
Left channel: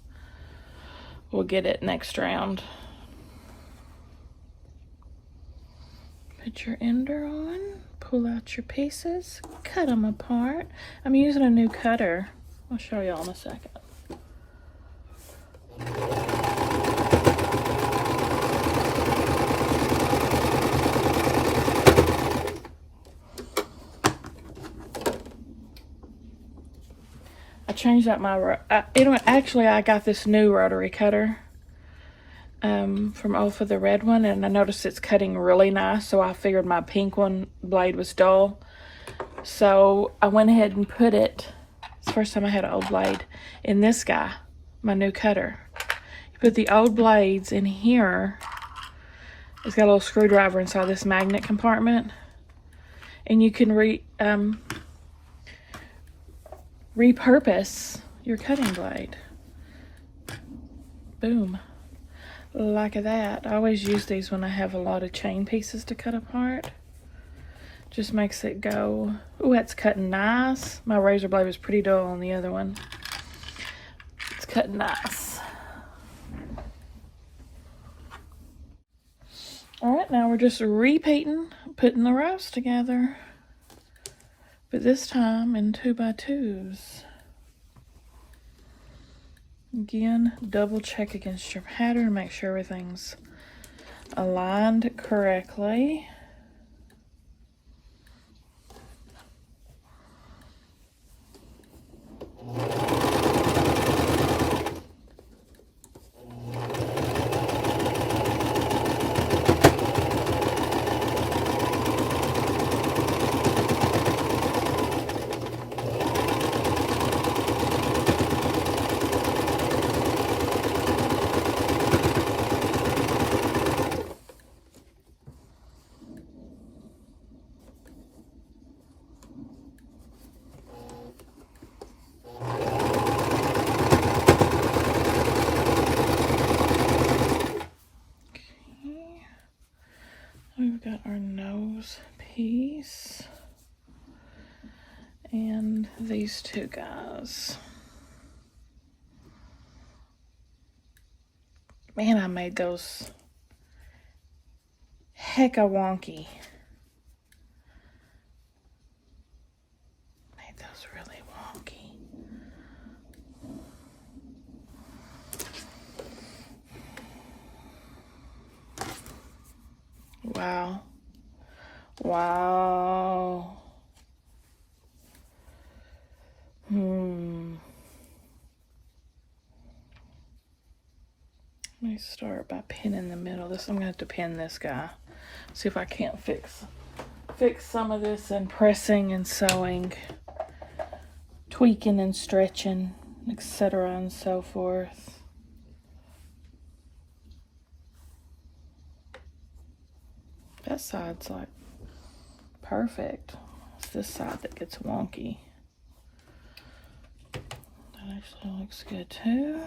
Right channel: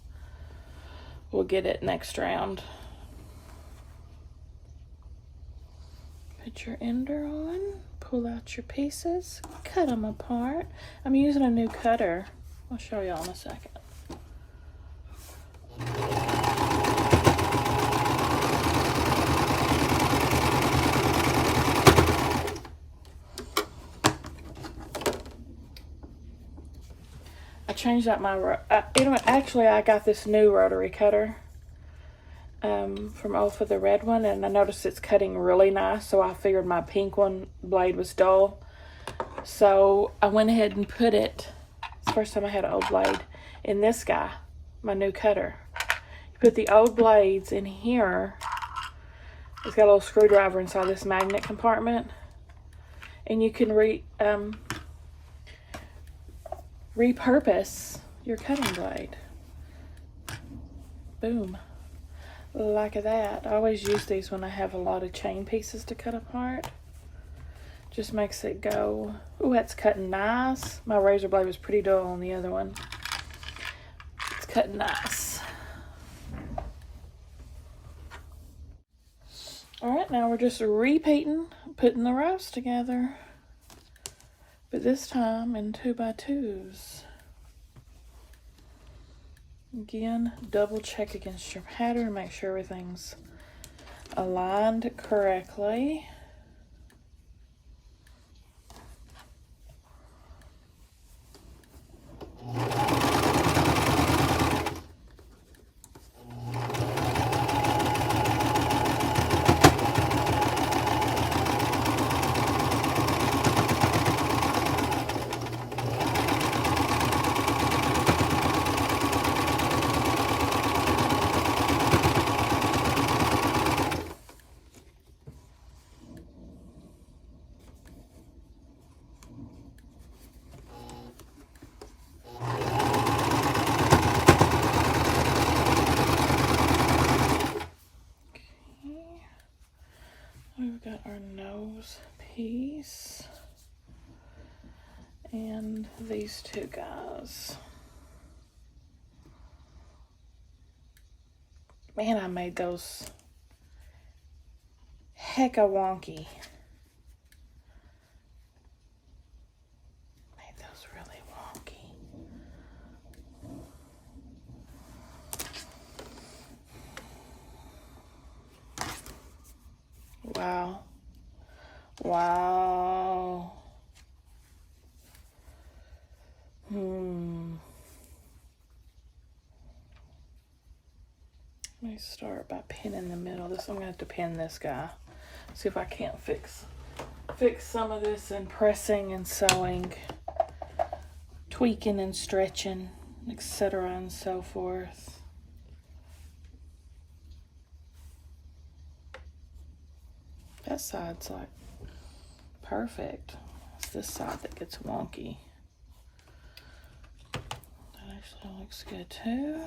We'll get it next round. Put your ender on, pull out your pieces, cut them apart. I'm using a new cutter. I'll show y'all in a second. I changed out my, actually I got this new rotary cutter from Olfa, the red one, and I noticed it's cutting really nice, so I figured my pink one blade was dull. So I went ahead and put it, it's the first time I had an old blade, in this guy, my new cutter. You put the old blades in here. It's got a little screwdriver inside this magnet compartment, and you can repurpose your cutting blade. Boom. Like that. I always use these when I have a lot of chain pieces to cut apart. Just makes it go, ooh, that's cutting nice. My razor blade was pretty dull on the other one. It's cutting nice. Alright, now we're just repeating, putting the rows together. But this time in 2x2s. Again, double check against your pattern, make sure everything's aligned correctly. We've got our nose piece and these two guys. Man, I made those hecka wonky. Made those really wonky. Wow. Wow. Let me start by pinning the middle. I'm gonna have to pin this guy. See if I can't fix some of this and pressing and sewing, tweaking and stretching, etc. and so forth. That side's like perfect. It's this side that gets wonky. That actually looks good too.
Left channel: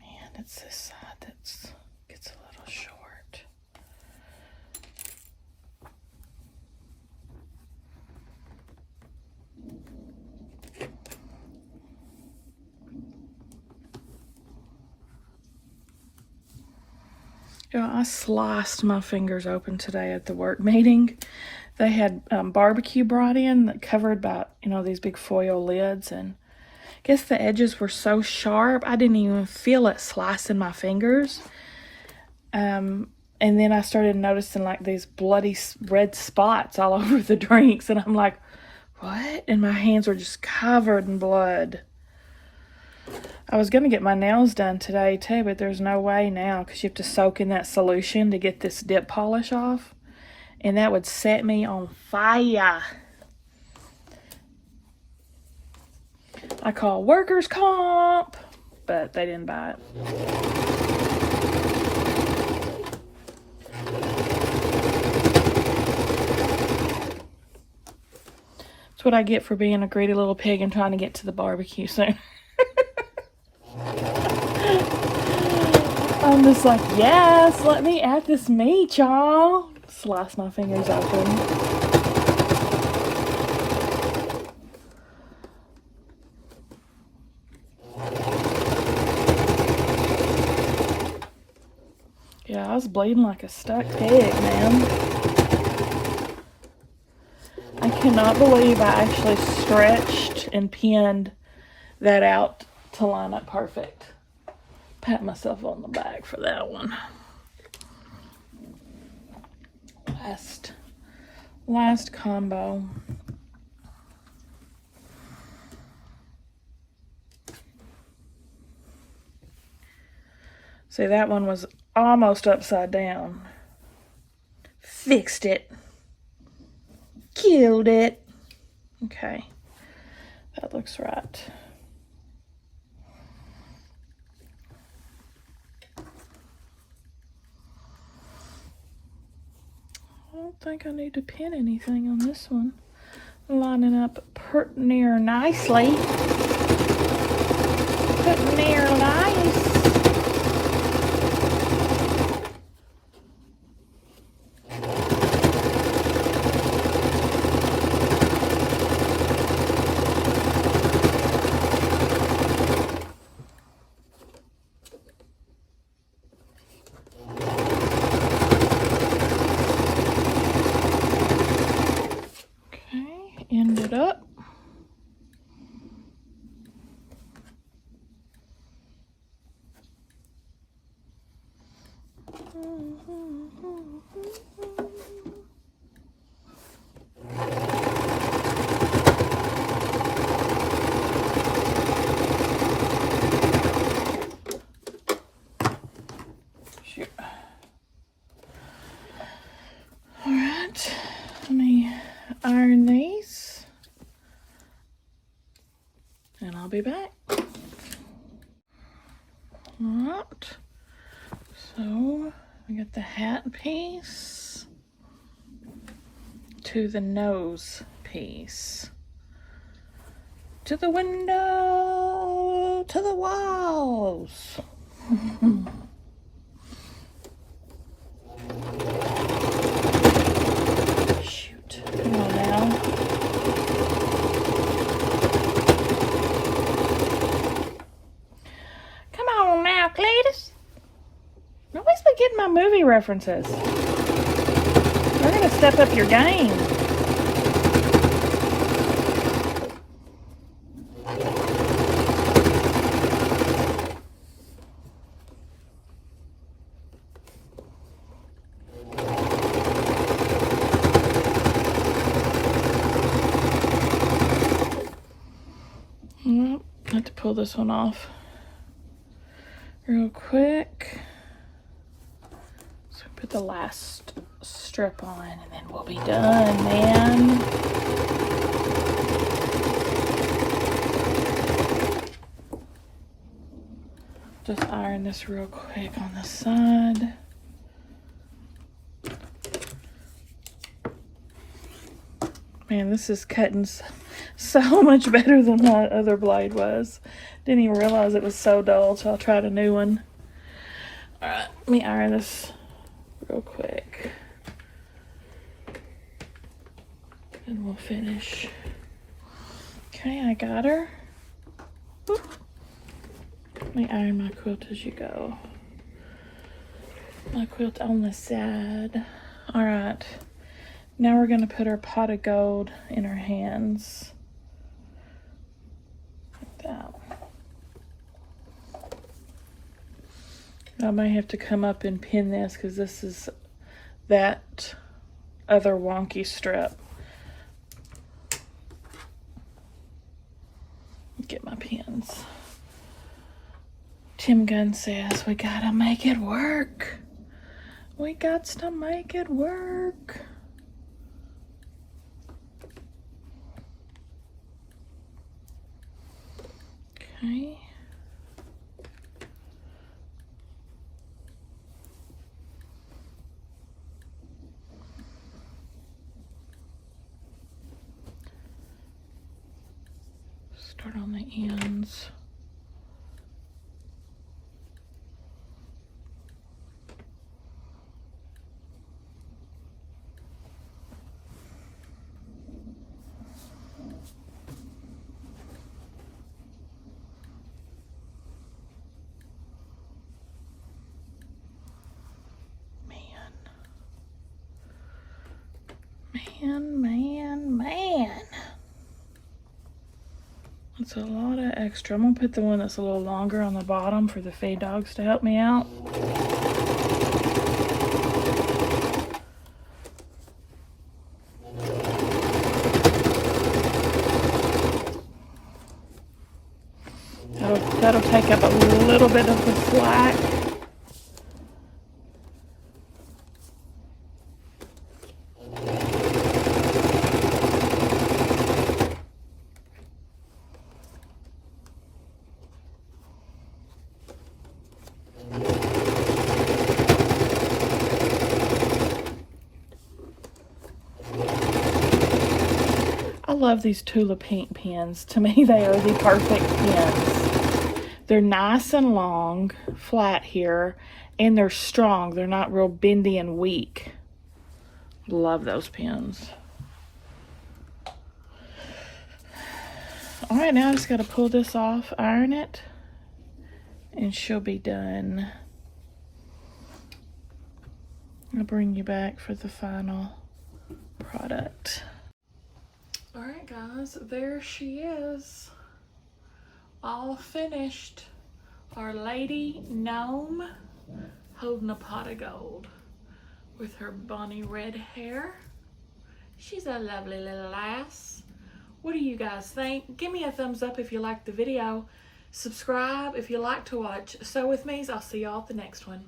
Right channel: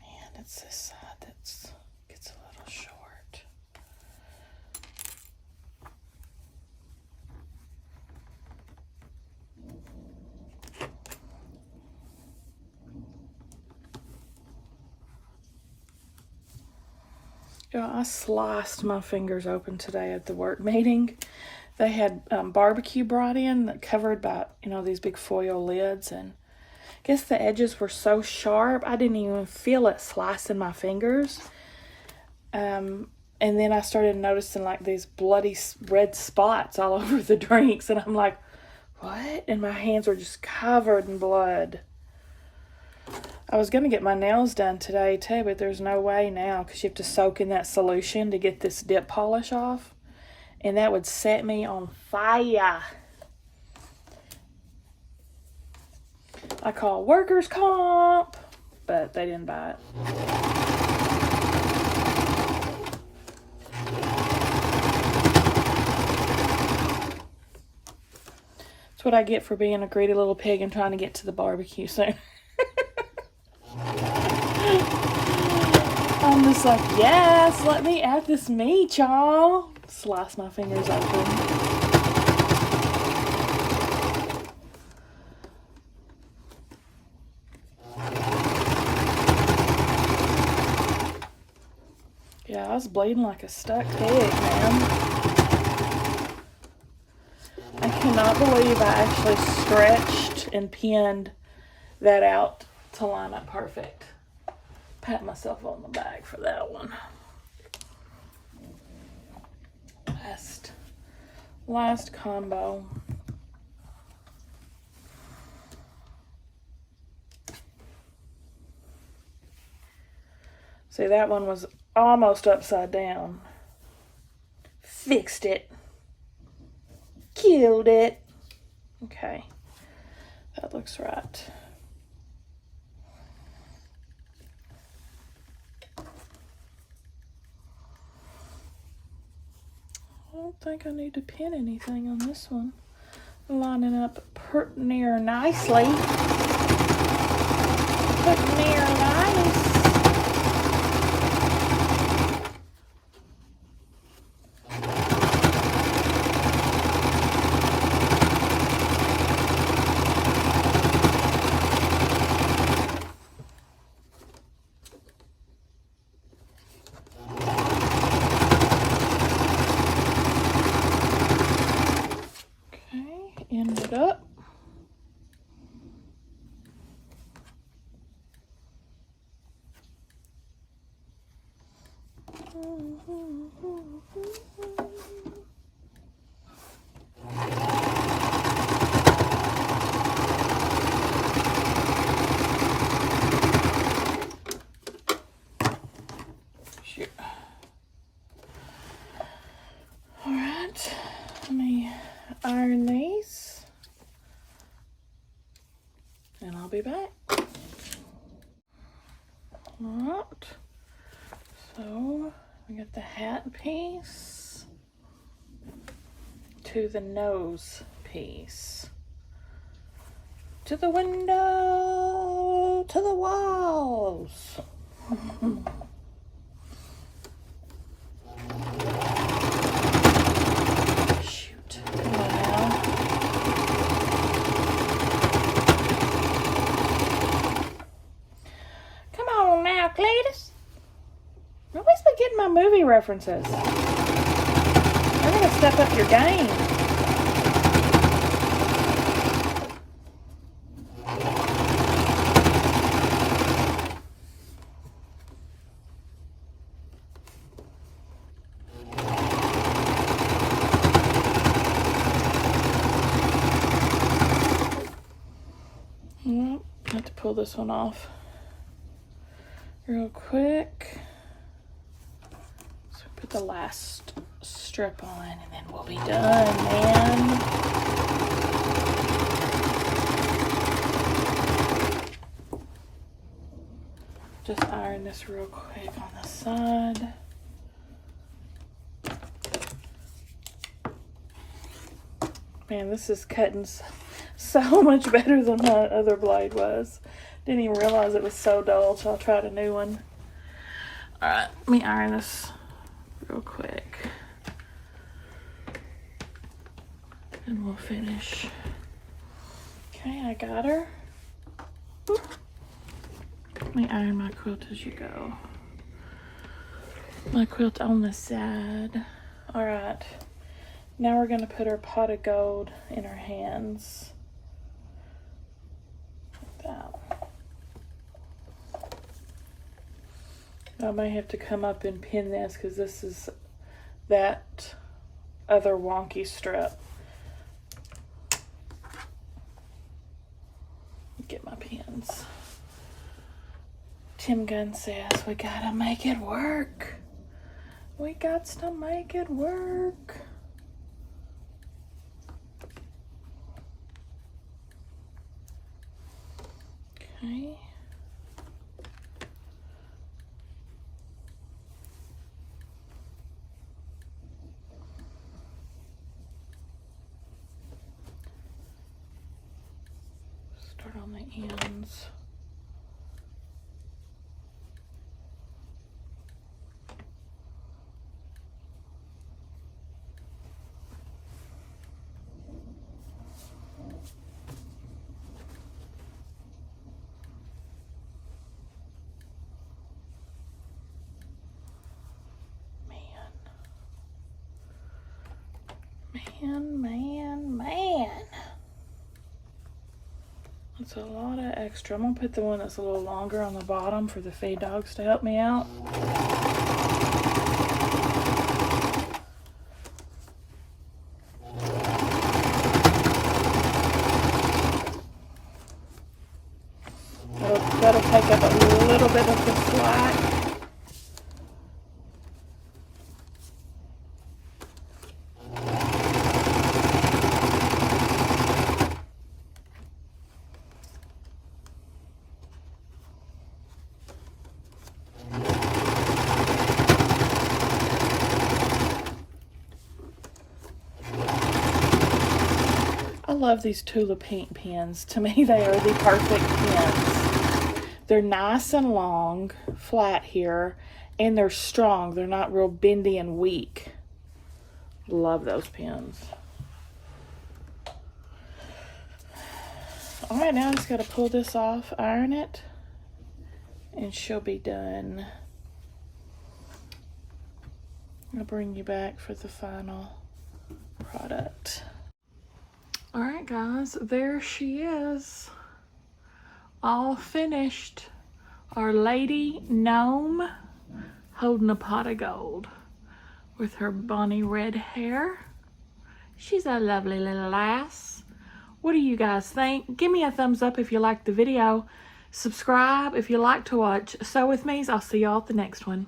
Man, it's this side that gets a little short. You know, I sliced my fingers open today at the work meeting. They had barbecue brought in, covered by, you know, these big foil lids, and I guess the edges were so sharp I didn't even feel it slicing my fingers. And then I started noticing like these bloody red spots all over the drinks, and I'm like, what? And my hands were just covered in blood. I was gonna get my nails done today too, but there's no way now because you have to soak in that solution to get this dip polish off, and that would set me on fire. I call workers' comp, but they didn't buy it. That's what I get for being a greedy little pig and trying to get to the barbecue soon. I'm just like, yes, let me add this meat, y'all. slice my fingers open. Yeah, I was bleeding like a stuck pig, man. I cannot believe I actually stretched and pinned that out to line up perfect. Pat myself on the back for that one. Last combo. See, that one was almost upside down. Fixed it. Killed it. Okay, that looks right. I don't think I need to pin anything on this one. Lining up pretty near nicely. Pretty near nice. End it up. Shoot. All right, let me iron these. And I'll be back. Alright, so I got the hat piece to the nose piece, to the window, to the walls. Shoot, come on now. Nobody's been getting my movie references. You're gonna step up your game. I have to pull this one off real quick. So put the last strip on and then we'll be done, man. Just iron this real quick on the side. Man, this is cutting so much better than my other blade was. Didn't even realize it was so dull, so I'll try a new one. Alright, let me iron this real quick. And we'll finish. Okay, I got her. Let me iron my quilt as you go. My quilt on the side. Alright. Now we're going to put our pot of gold in our hands. Like that. I may have to come up and pin this because this is that other wonky strip. Get my pins. Tim Gunn says we gotta make it work. We got to make it work. Okay. Start on the ends. a lot of extra. I'm gonna put the one that's a little longer on the bottom for the feed dogs to help me out. That'll take up a little bit of the slack. I love these Tula Pink pins. To me, they are the perfect pins. They're nice and long, flat here, and they're strong. They're not real bendy and weak. Love those pins. All right, now I just got to pull this off, iron it, and she'll be done. I'll bring you back for the final product. All right, guys, there she is, all finished. Our lady gnome holding a pot of gold with her bonny red hair. She's a lovely little lass. What do you guys think? Give me a thumbs up if you liked the video. Subscribe if you like to watch Sew With Me's. I'll see y'all at the next one.